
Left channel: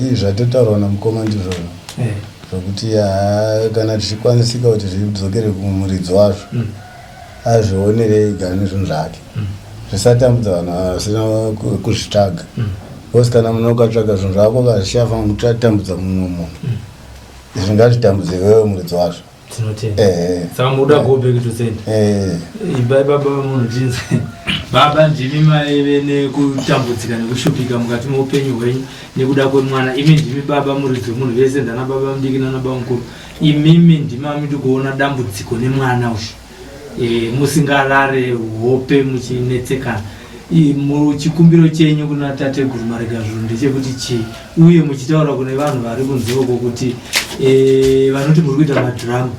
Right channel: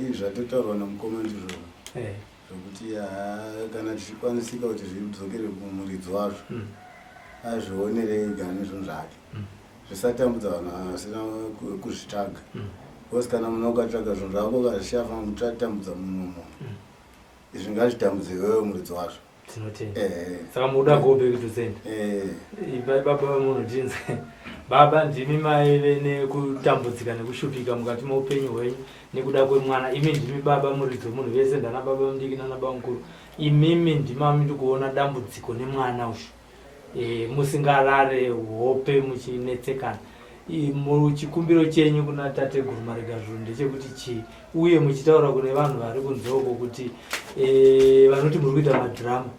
ii zvatotaurwa namukoma ndizvona zvokuti kana tichikwanisika kuti zvidzokere kumuridzi wazvo azvionerei ega nezvinhu zvake zvisatambudza vanhu vasina kuzvitsvaga kosi kana munhu ukatsvaga zvinhu zvako kazvichafa mutatambudza mumwe munhu izvi ngazvitambudze iwewe muridzi wazvo. Saka muda go back to send. Baba munhu tinzi baba ndimi maive nekutambudzika nekushupika mukati muupenyu hwenyu nekuda kwemwana. Imi ndimi baba muridzi munhu vese ndana baba mudiki nana baba mukuru. Imimi ndimami tikuona dambudziko nemwana uyu musingarare hope muchinetsekana. Muchikumbiro chenyu kuna tateguru Marigazhuru ndechekuti chii uye muchitaura kune vanhu vari kunzoko kuti vanoti muri kuita madhiramu.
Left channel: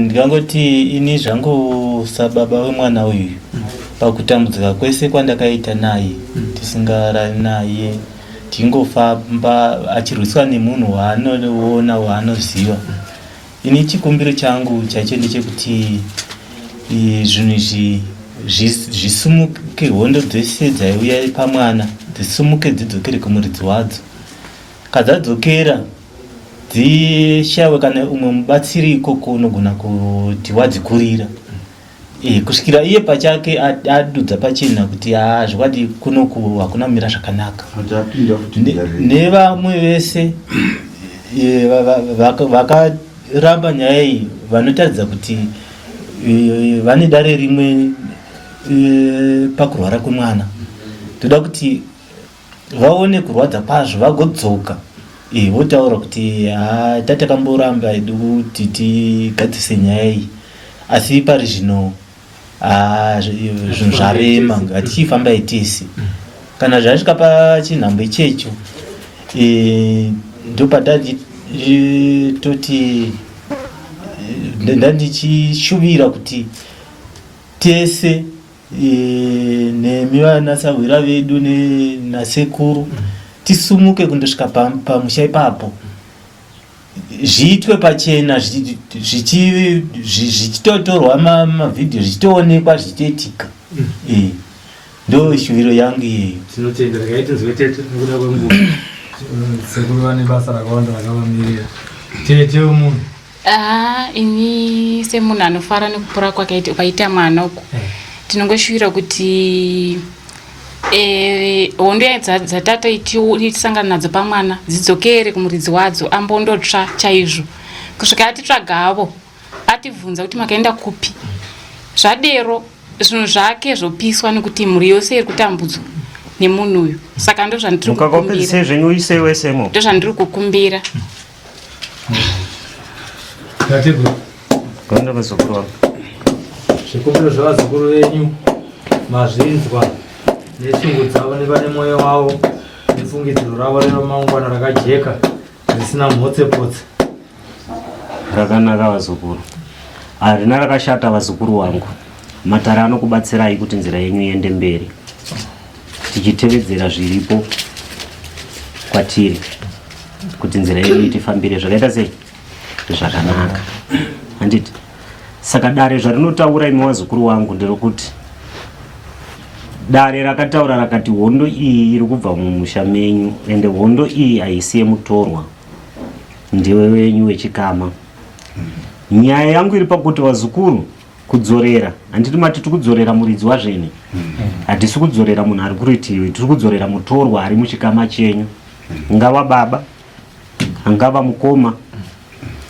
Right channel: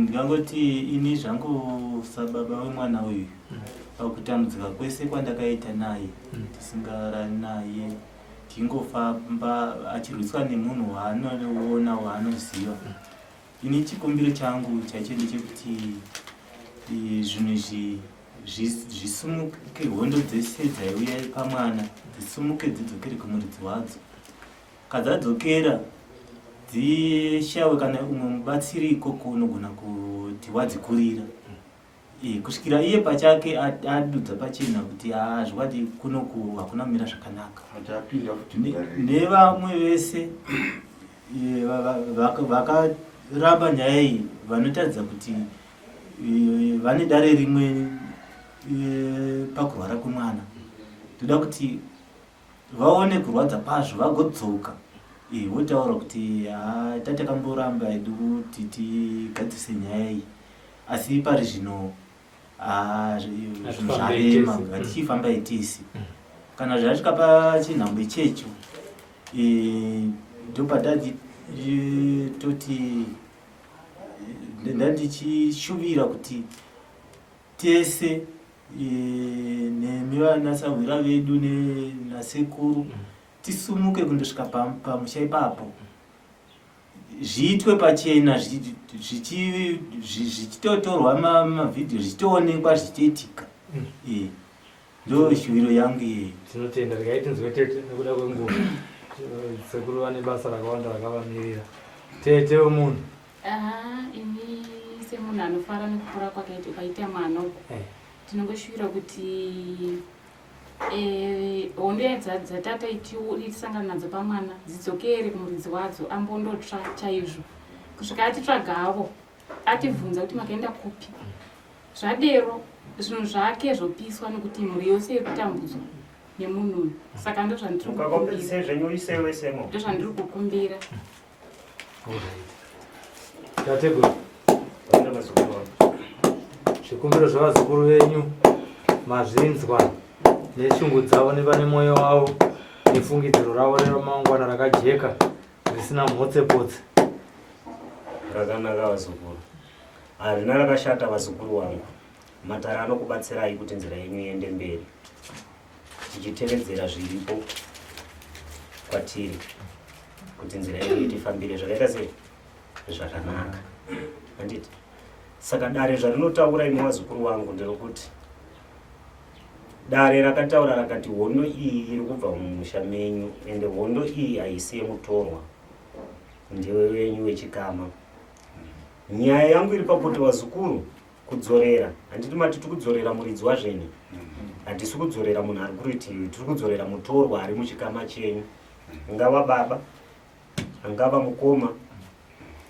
Ndingangoti ini zvangu sababa wemwana uyu pakutambudzika kwese kwandakaita naye tisingarari naye tingofamba achirwiswa nemunhu waanoona waanoziva. Ini chikumbiro changu chacho ndechekuti zvinhu izvi zvisumuke hondo dzese dzaiuya pamwana dzisumuke dzidzokere kumuridzi wadzo. Kadzadzokera dzishawe kana umwe mubatsiri ikoko unogona kuti wadzikurira kusvikira iye pachake adudza pachena kuti zvikati kunoku hakuna mira zvakanaka. Nevamwe vese vakaramba nyaya iyi vanotaridza kuti vane dare rimwe pakurwara kwemwana toda kuti vaone kurwadza kwazvo vagodzoka votaura kuti tatakamboramba edu kuti tigadzise nyaya iyi asi pari zvino zvinhu zvarema ngatichifamba tese kana zvasvika pachinhambo ichecho ndopatati toti ndandichishuvira kuti tese nemi vanasahwira vedu nasekuru tisumuke kundosvika pamusha ipapo zviitwe pachena zvichitotorwa mavhidhiyo zvichitoonekwa zvichitoitika. Ndo shuviro yangu iyeyo. Tinotenda rakaitozwetete nekuda kwenguva sekuru vane basa rakawanda rakavamirira tete umunhu. Ini semunhu anofara nekupura kwake ukaita mwana uko tinongoshuvira kuti hondo dzatata itisangana nadzo pamwana dzidzokere kumuridzi wadzo ambondotsva chaizvo kusvika atitsvagavo ativhunza kuti makaenda kupi zvadero zvinhu zvake zvopiswa nekuti mhuri yose iri kutambudzwa nemunhu uyu. Saka ndozvandiri kukumbira. Zvikumbiro zvavazukuru venyu mazvinzwa neshingudza vane mwoyo wavo nefungidziro ravo remangwana rakajeka risina mhotsepotse. Rakanaka vazukuru, harina rakashata vazukuru wangu. Matare anokubatsirai kuti nzira yenyu iende mberi tichitevedzera zviripo kwatiri kuti nzira yenyu itifambire zvakaita sei zvakanaka handiti. Saka dare zvarinotaura imi vazukuru wangu nderokuti dare rakataura rakati hondo iyi iri kubva mumusha menyu ende hondo iyi haisi yemutorwa, ndiwe wenyu wechikama. Nyaya yangu iri pakuti vazukuru kudzorera, handiti matiti kudzorera muridzi wazvene, hatisi kudzorera munhu ari kuritivi, tiri kudzorera mutorwa ari muchikama chenyu, ngava baba, angava mukoma,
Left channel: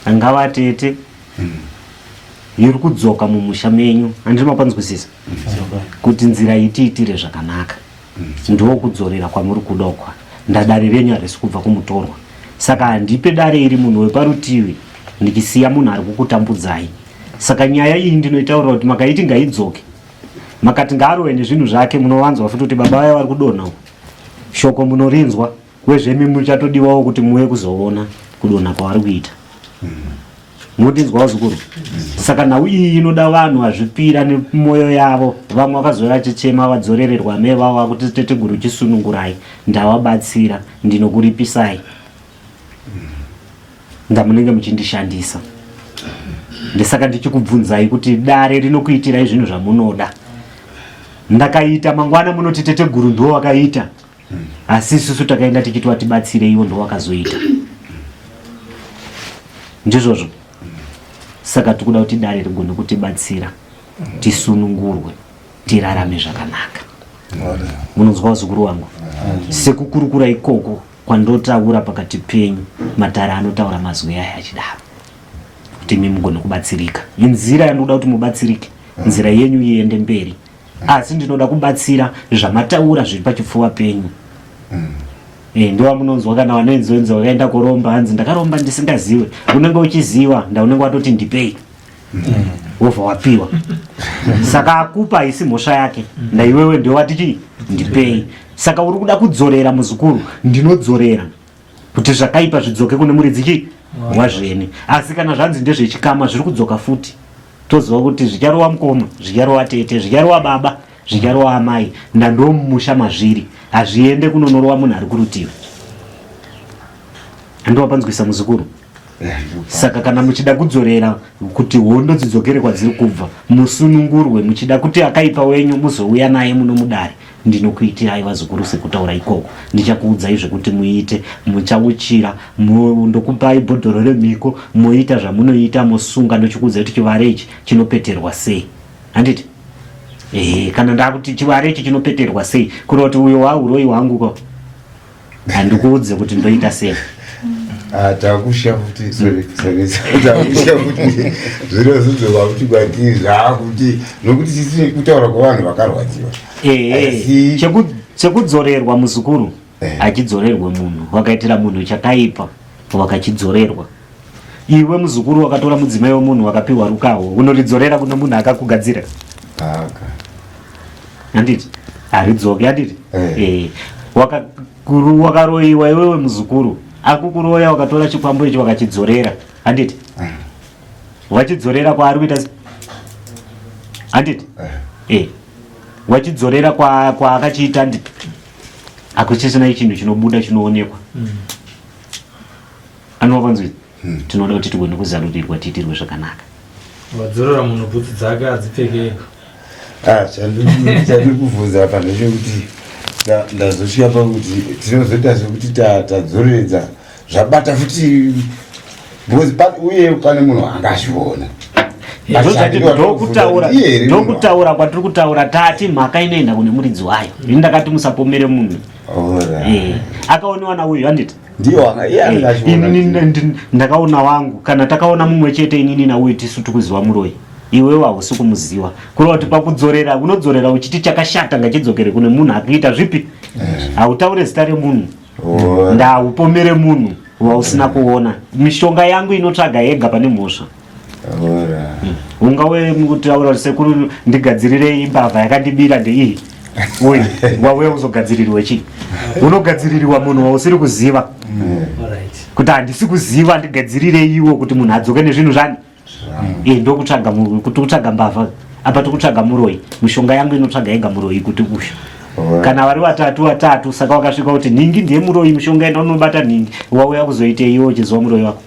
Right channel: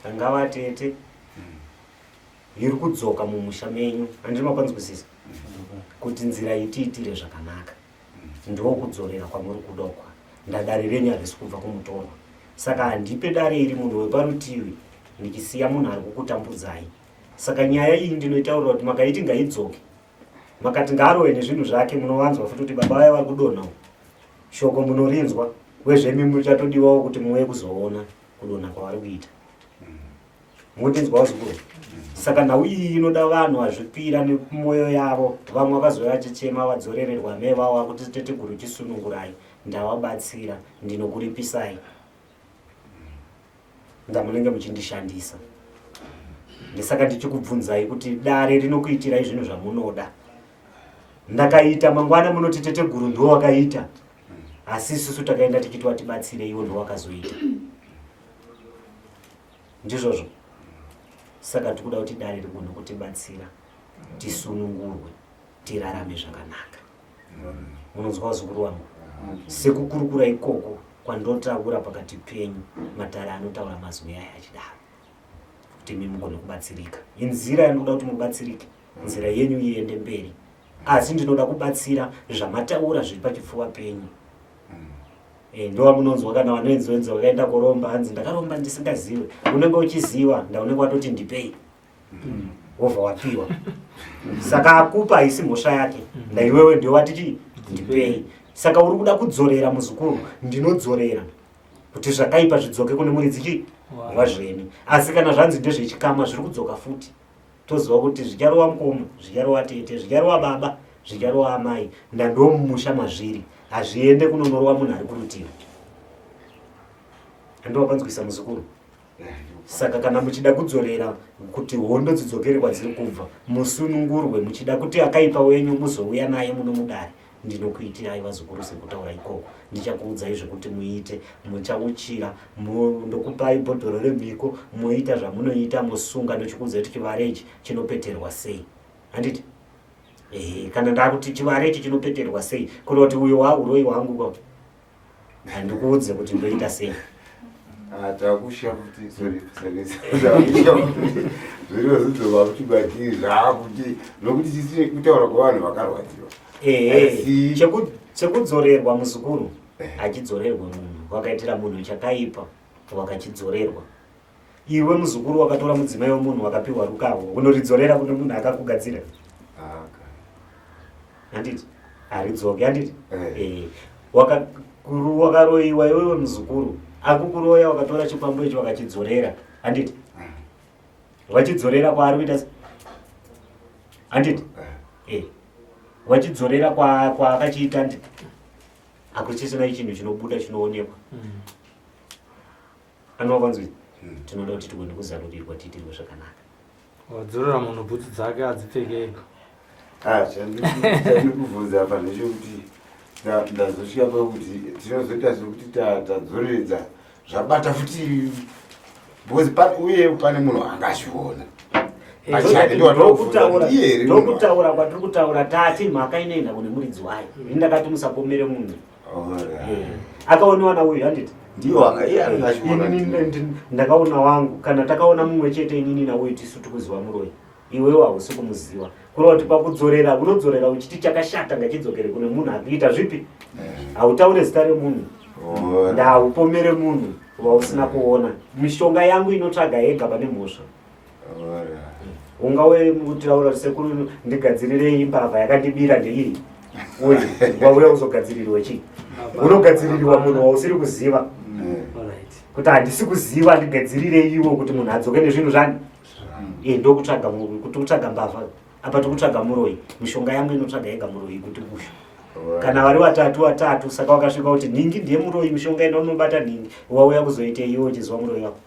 angava tete, iri kudzoka mumusha menyu. Handiti makwanzwisisa kuti nzira itiitire zvakanaka, ndo kudzorera kwamuri kuda kwa ndadare renyu harisi kubva kumutorwa. Saka handipe dare iri munhu weparutivi ndikisiya munhu ari kukutambudzai. Saka nyaya iyi ndinoitaura kuti makaiti ngaidzoke, makati ngaarove nezvinhu zvake, munowanzwa futi kuti baba vaya vari kudonha uko, shoko munorinzwa, wezvemi muchatodiwawo kuti muwe kuzoona kudonha kwavari kuita. Munotinzwa wazukuru. Saka nhau iyi inoda vanhu vazvipira nemwoyo yavo. Vamwe vakazouya vachichema vadzorererwa mevavo kuti teteguru chisunungurai, ndavabatsira, ndinokuripisai, ndamunenge muchindishandisa. Ndisaka ndichikubvunzai kuti dare rinokuitirai zvinhu zvamunoda. Ndakaita mangwana munoti teteguru ndo wakaita, asi isusu takaenda tichiti watibatsire iwo ndo wakazoita. Ndizvozvo. Saka tikuda kuti dare rigone kutibatsira, tisunungurwe, tirarame zvakanaka. Munonzwa wazukuru wangu? Sekukurukura ikoko kwandotaura pakati penyu, matare anotaura mazwi aya achidaro, kuti imi mugone kubatsirika. Inzira yanoda kuti mubatsirike, nzira yenyu iende mberi. Asi ndinoda kubatsira zvamataura zviri pachipfuva penyu. Ndiwa munonzwa kana vanenzi wakaenda kuromba, hanzi ndakaromba ndisingaziwe. Unenge uchiziva, ndaunenge watoti ndipei. Wobva wapiwa. Saka akupa haisi mhosva yake, naiwewe ndio watiti ndipei. Saka uri kuda kudzorera muzukuru, ndinodzorera kuti zvakaipa zvidzoke kune muridzi wazvene. Asi kana zvanzi ndezvechikama zviri kudzoka futi, toziva kuti zvicharova mukoma, zvicharova tete, zvicharova baba, zvicharova amai, ndando mumusha mazviri, hazviende kunonorova munhu ari kurutivi. Andowapanzwisa muzukuru. Saka kana muchida kudzorera kuti hondo dzidzokere kwadziri kubva, musunungurwe, muchida kuti akaipa wenyu muzouya naye muno mudare, ndinokuitirai vazukuru sekutaura ikoko. Ndichakuudzai zvekuti muite, muchauchira, ndokupai bhodhoro remhiko, muita zvamunoita, musunga, ndochikuudzai kuti chivare ichi chinopeterwa sei. Handiti? Kana ndakuti chivare ichi chinopeterwa sei, kuno kuti uyo wauroi wangu handikuudze kuti ndoita sei. Takusha kuti takusha kuti zvinozodzoka kuti batiri zvakuti nokuti tisi kutaura kwavanhu vakarwadziwa. Chekudzorerwa muzukuru achidzorerwe munhu, wakaitira munhu chakaipa wakachidzorerwa. Iwe muzukuru wakatora mudzimai wemunhu wakapiwa rukawo, unoridzorera kuna munhu akakugadzira? Handiti? Haridzoke, handiti? Wakaroiwa iwewe muzukuru, akukuroya wakatora chipambo icho wakachidzorera, handiti? Wachidzorera kwaari kuita se? Handiti? Wachidzorera kwaakachiita, handiti? Hakuchisina chinhu chinobuda chinoonekwa. Anowapanzwisa? Tinoda kuti tigone kuzarurirwa tiitirwe zvakanaka. Wadzorera munhu bhutsu dzake hadzipfekei. Chandiri kubvunza apa ndechekuti ndazosvika pakuti tinozoita sekuti tadzoreredza zvabata futi, uye pane munhu angazviona. Ndokutaura kwatiri kutaura, tati mhaka inoenda kune muridzi wayo. Ini ndakati musapomere munhu. Akaonewa nauyu, handiti? Inini ndakaona wangu, kana takaona mumwe chete inini nauyu tisu tikuziva muroi. Iwewe hausi kumuziva. Kureva kuti pakudzorera, unodzorera uchiti chakashata ngachidzokere kune munhu akuita zvipi? Hautaure zita remunhu, ndaupomere munhu wausina kuona. Mishonga yangu inotsvaga yega pane mhosva. Ungawe kutaura sekuru ndigadzirirei mbavha yakandibira ndeiyi, uye wauya kuzogadzirirwa chii? Unogadzirirwa munhu wausiri kuziva. Kuti handisi kuziva ndigadzirirei iwo kuti munhu adzoke nezvinhu zvani? Ndokutsvaga kuti utsvaga mbavha, apa tikutsvaga muroi. Mishonga yangu inotsvaga yega muroi kuti usha. Kana vari watatu, saka wakasvika kuti ningi ndiye muroi, mishonga ina unobata ningi, wauya kuzoitei iwo uchiziva muroi wako.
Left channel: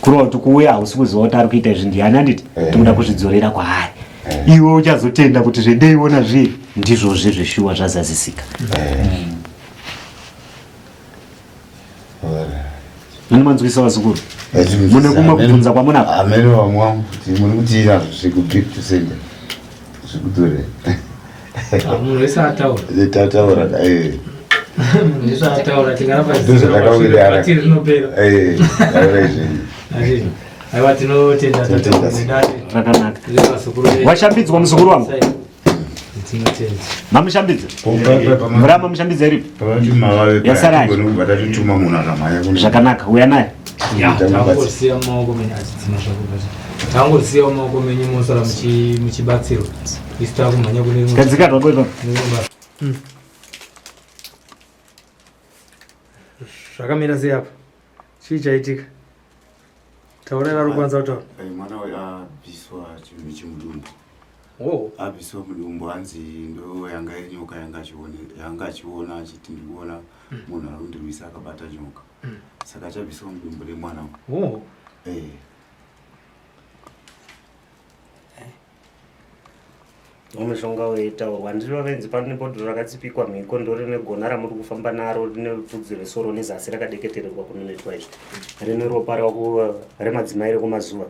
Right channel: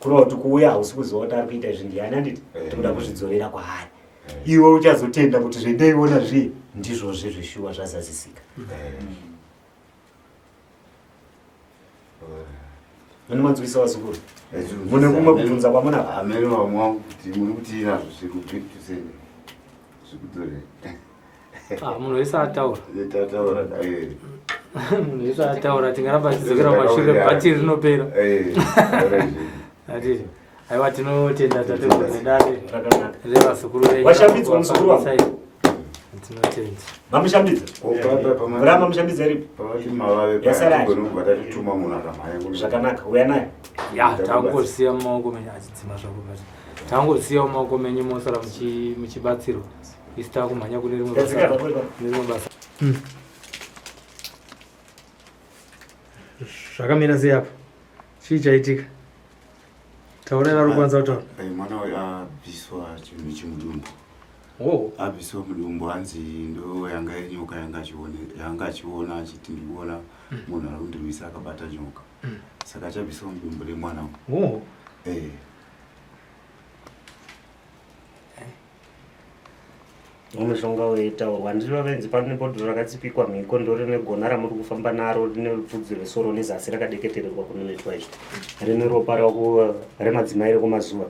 Kureva kuti kuuya hausi kuziva kuti ari kuita izvi ndiani, handiti? Tinoda kuzvidzorera kwaari. iwe uchazotenda kuti zvedeiona zviye ndizvozve zveshuwa zvazadzisika. Mune manzwisa vazukuru mune kumabvunza kwamuna amene wamwangu kuti mune kuti inazvo zvikubhikti sende zvikudore tataura washambidzwa muzukuru wangu mamushambidza muramba mushambidza iripo yasaratuma munhu akamhanya zvakanaka uya naye tangosiyawo maoko menyu mosara muchibatsirwa isita kumhanya gadzika zvako ipapo. Zvakamira sei apa? Chii chaitika? Taurai vari kwanza kutaura. mwana abviswa chinhu chimudumbu. Abviswa mudumbu hanzi ndo yanga iri nyoka yanga achiona achiti ndikuona munhu ari kundirwisa akabata nyoka. Saka chabviswa mudumbu remwana. Mushonga weitaurwa ndiro renzi pane bhodhoro rakatsipikwa mhiko ndori negona ramuri kufamba naro rine bvudzi resoro nezasi rakadeketererwa kunonetwa izvo rine ropa remadzimai rekumazuva.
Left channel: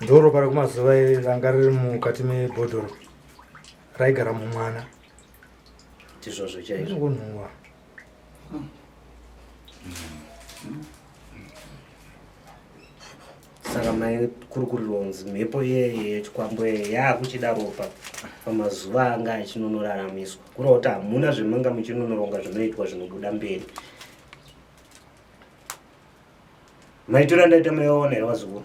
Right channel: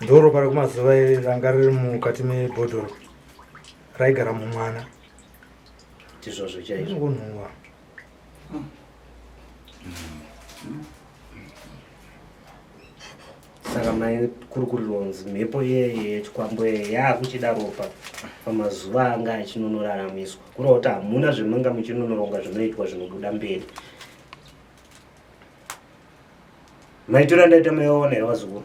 Ndoro pari kumazuva ranga riri mukati mebhodhoro raigara mumwana tizvozvo chaizvo kunhuhwa. Saka mai kuri kuronzi mhepo yechikwambo yaakuchida ropa pamazuva anga achinonoraramiswa kureva kuti hamuna zvemanga muchinonoronga zvinoitwa zvinobuda mberi. Maitiro andaita maiona here vazukuru?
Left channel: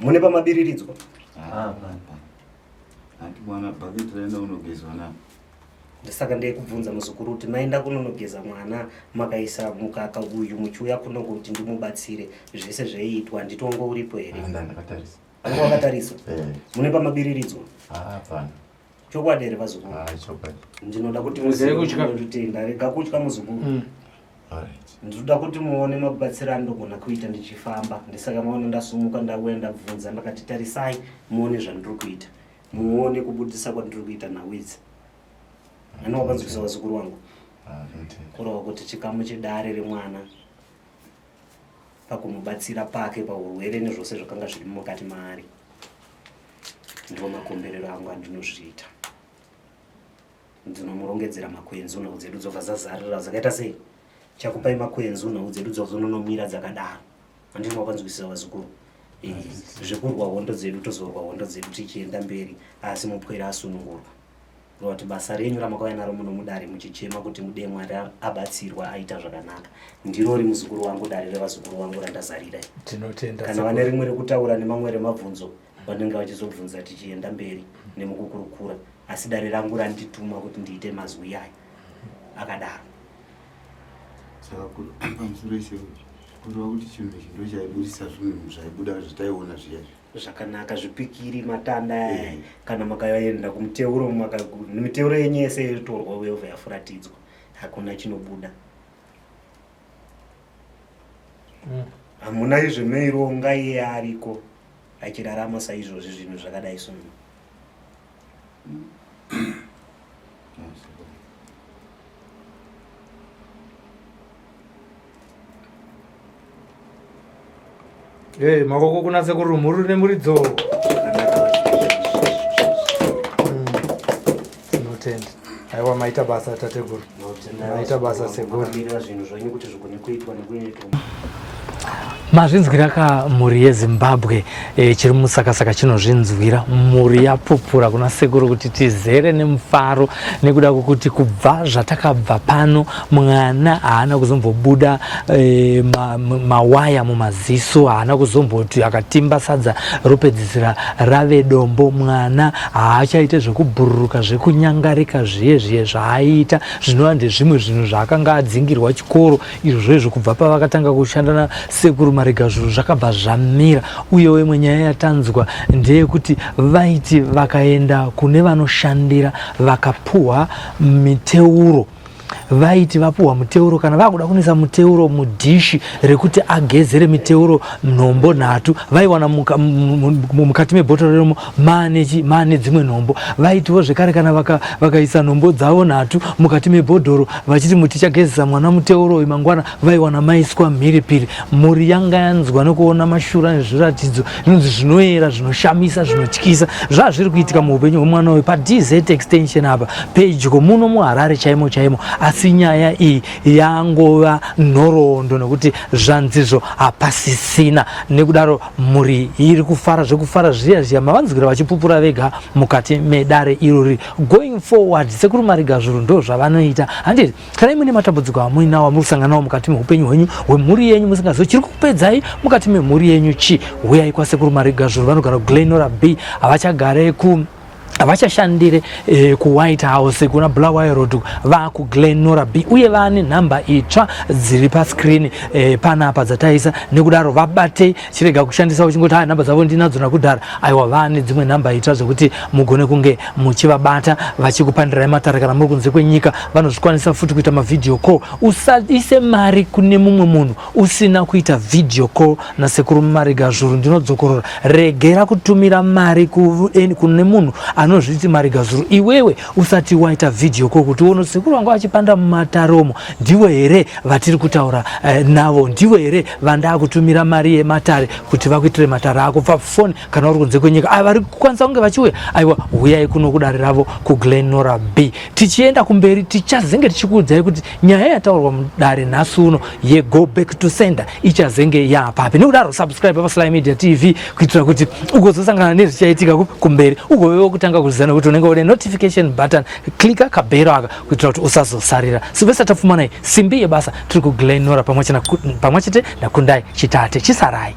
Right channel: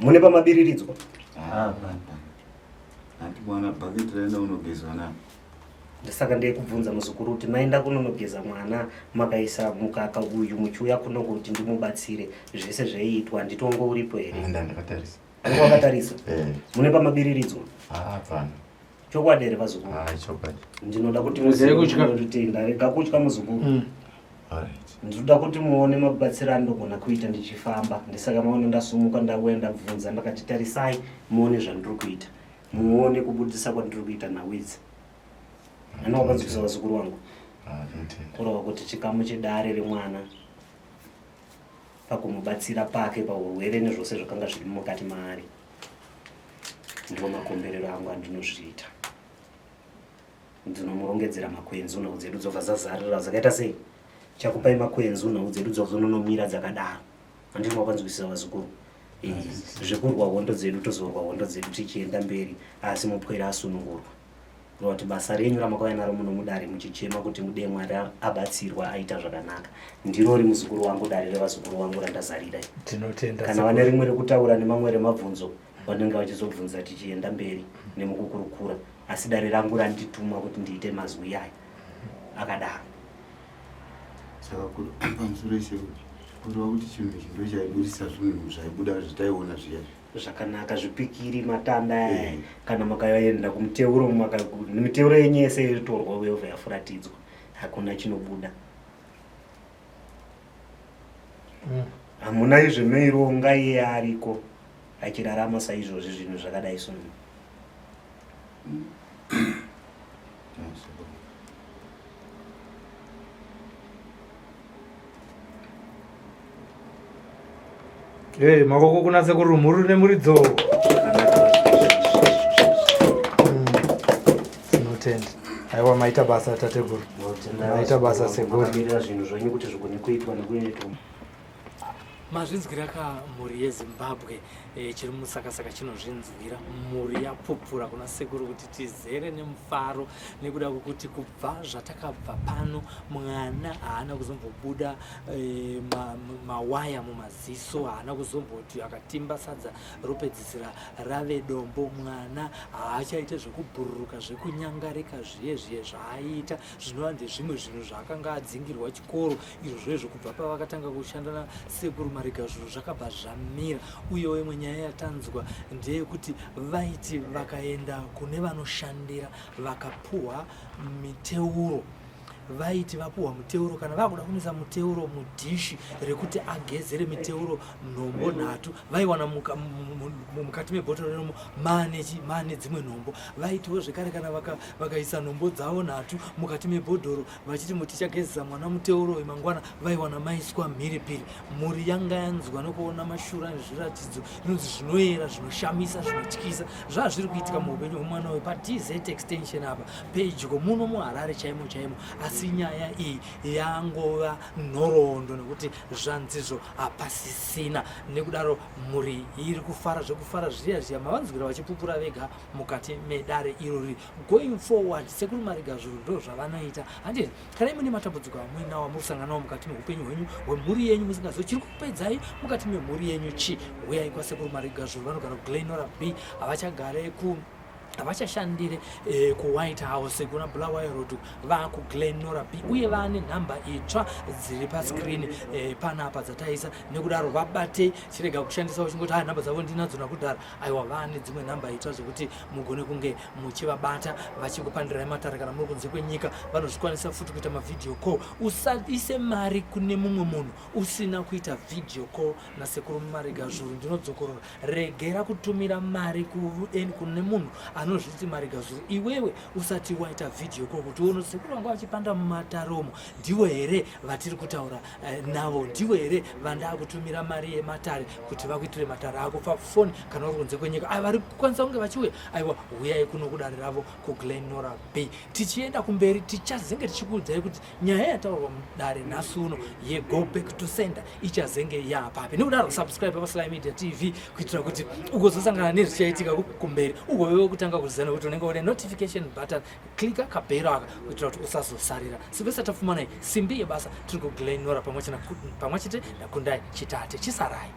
Mune pamabiriridzwa? Saka ndeikubvunza muzukuru kuti maenda kunonogeza mwana makaisa mukaka uyu muchiuya kuno kuti ndimubatsire zvese zveiitwa handitongo uripo here? Anga wakatarisa? Mune pamabiriridzwa? Chokwadi here vazukuru? Ndinoda kuti muzitenda rega kutya muzukuru. Ndinoda kuti muone mabatsiro andogona kuita ndichifamba. Ndisaka maona ndasumuka ndauya ndabvunza ndakati tarisai muone zvandiri kuita. Muone kubudisa kwandiri kuita nawidzi. Ani wakanzwisa vazukuru wangu? Kureva kuti chikamu chedare remwana pakumubatsira pake paurwere nezvose zvakanga zviri mukati maari. Ndiwo makomberero angu andinozviita. Ndinomurongedzera makwenzi nhau dzedu dzobva zazarira zvakaita sei? Chakupai makwenzi nhau dzedu dzozononomira dzakadaro. Handino wakanzwisisa vazukuru? Zvekurwa hondo dzedu tozorwa hondo dzedu tichienda mberi asi mupwere asunungurwa. Kureva kuti basa renyu ramakauya naro muno mudare muchichema kuti mude Mwari abatsirwa aita zvakanaka. Ndiro ri muzukuru wangu dare revazukuru vangu randazarira. Tinotenda. Kana vane rimwe rekutaura nemamwe remabvunzo vanenge vachizobvunza tichienda mberi nemukukurukura. Asi dare rangu randituma kuti ndiite mazwi aya akadaro. Saka pamusoro ishe kureva kuti chinhu ichi ndo chaibudisa zvinhu zvaibuda zvitaiona zviyazvi zvakanaka zvipikiri matanda kana makaenda kumiteuro miteuro yenyu yese iritorwa wevha yafuratidzwa hakuna chinobuda. Hamuna izvemeironga iye ariko achirarama saizvozvi zvinhu zvakadai sono. Makoko kunatse kuri muri nemuridzo. Tinotenda. Aiwa maita basa tateguru. Maita basa seguru. Zvinhu zvenyu kuti zvikone kuitwa nekuitwa. Mazvinzwira kamhuri yeZimbabwe chiri musakasaka chinozvinzwira mhuri yapupura kuna sekuru kuti tizere nemufaro nekuda kwokuti kubva zvatakabva pano mwana haana kuzombobuda mawaya mumaziso, haana kuzomboti akatimba sadza ropedzisira rave dombo. Mwana haachaite zvekubhururuka zvekunyangarika zviye zvaaita zvinova ndezvimwe zvinhu zvaakanga adzingirwa chikoro izvo zvezvo kubva pavakatanga kushanda nasekuru Marigazhuru zvakabva zvamira, uyewo imwe nyaya yatanzwa ndeyekuti vaiti vakaenda kune vanoshandira vakapuhwa miteuro, vaiti vapuhwa muteuro kana vakuda kunisa muteuro mudhishi rekuti agezere miteuro nhombo 3 vaiwana mukati mebhotoro remo maane dzimwe nhombo. Vaitiwo zvekare kana vakaisa nhombo dzavo 3 mukati mebhodhoro vachiti mutichagezesa mwana muteuro uyu mangwana, vaiwana maiswa mhiripiri. Mhuri yanga yanzwa nekuona mashura nezviratidzo inonzi zvinoera, zvinoshamisa, zvinotyisa zvazviri kuitika muupenyu hwemwana uyu paDZ extension apa pedyo muno muHarare chaimo chaimo. Asi nyaya iyi yangova nhoroondo nekuti zvanzizvo hapasisina. Nekudaro mhuri iri kufara zvekufara zviya mavanzwira vachipupura vega mukati medare irori. Going forward Sekuru Marigazhuru ndo zvavanoita. Handiti kana imwe matambudziko amuinawo muri kusanganawo mukati meupenyu hwenyu hwemhuri yenyu musingazivi chiri kupedzai mukati memhuri yenyu chi, huyai kwaSekuru Marigazhuru. Vanogara kuGlenora B, havachagare havachashandire kuWhite House kuna Bulawayo Road, vakuGlenora B, uye vane nhamba itsva dziri pascreen panapa dzataisa. Nekudaro vabate chirega kushandisa uchingoti nhamba dzavo ndinadzo nakudhara. Aiwa, vane dzimwe nhamba itsva zvokuti mugone kunge muchivabata vachikupandirai matare kana muri kunze kwenyika. Vanozvikwanisa futi kuita mavideo call. Usaise mari kune mumwe munhu usina kuita video call naSekuru Marigazhuru. Ndinodzokorora, regera kutumira mari kune munhu anozviti Marigazhuru iwewe usati waita video call kuti uone Sekuru wangu achipanda mumataromo ndiwe here vatiri kutaura navo, ndiwe here vanda kutumira mari yematare kuti vakuitire matare ako pafoni kana uri kunze kwenyika. Vari kukwanisa kunge vachiuya, aiwa, huyai kuno kudare ravo kuGlenora B. Tichienda kumberi tichazenge tichikuudzai kuti nyaya yataurwa mudare nhasi uno yeGo Back to Sender ichazenge yapapi. Nekudaro subscribe paSly Media TV kuitira kuti ugozosangana nezvichaitika kumberi ugovewo kutanga kuzana kuti unenge une notification button, klika kabhero aka kuitira kuti usazosarira. Sivesa Tafumanai, simbi yebasa, tiri kuGlenora pamwe chete naKundai Chitate. Chisarai.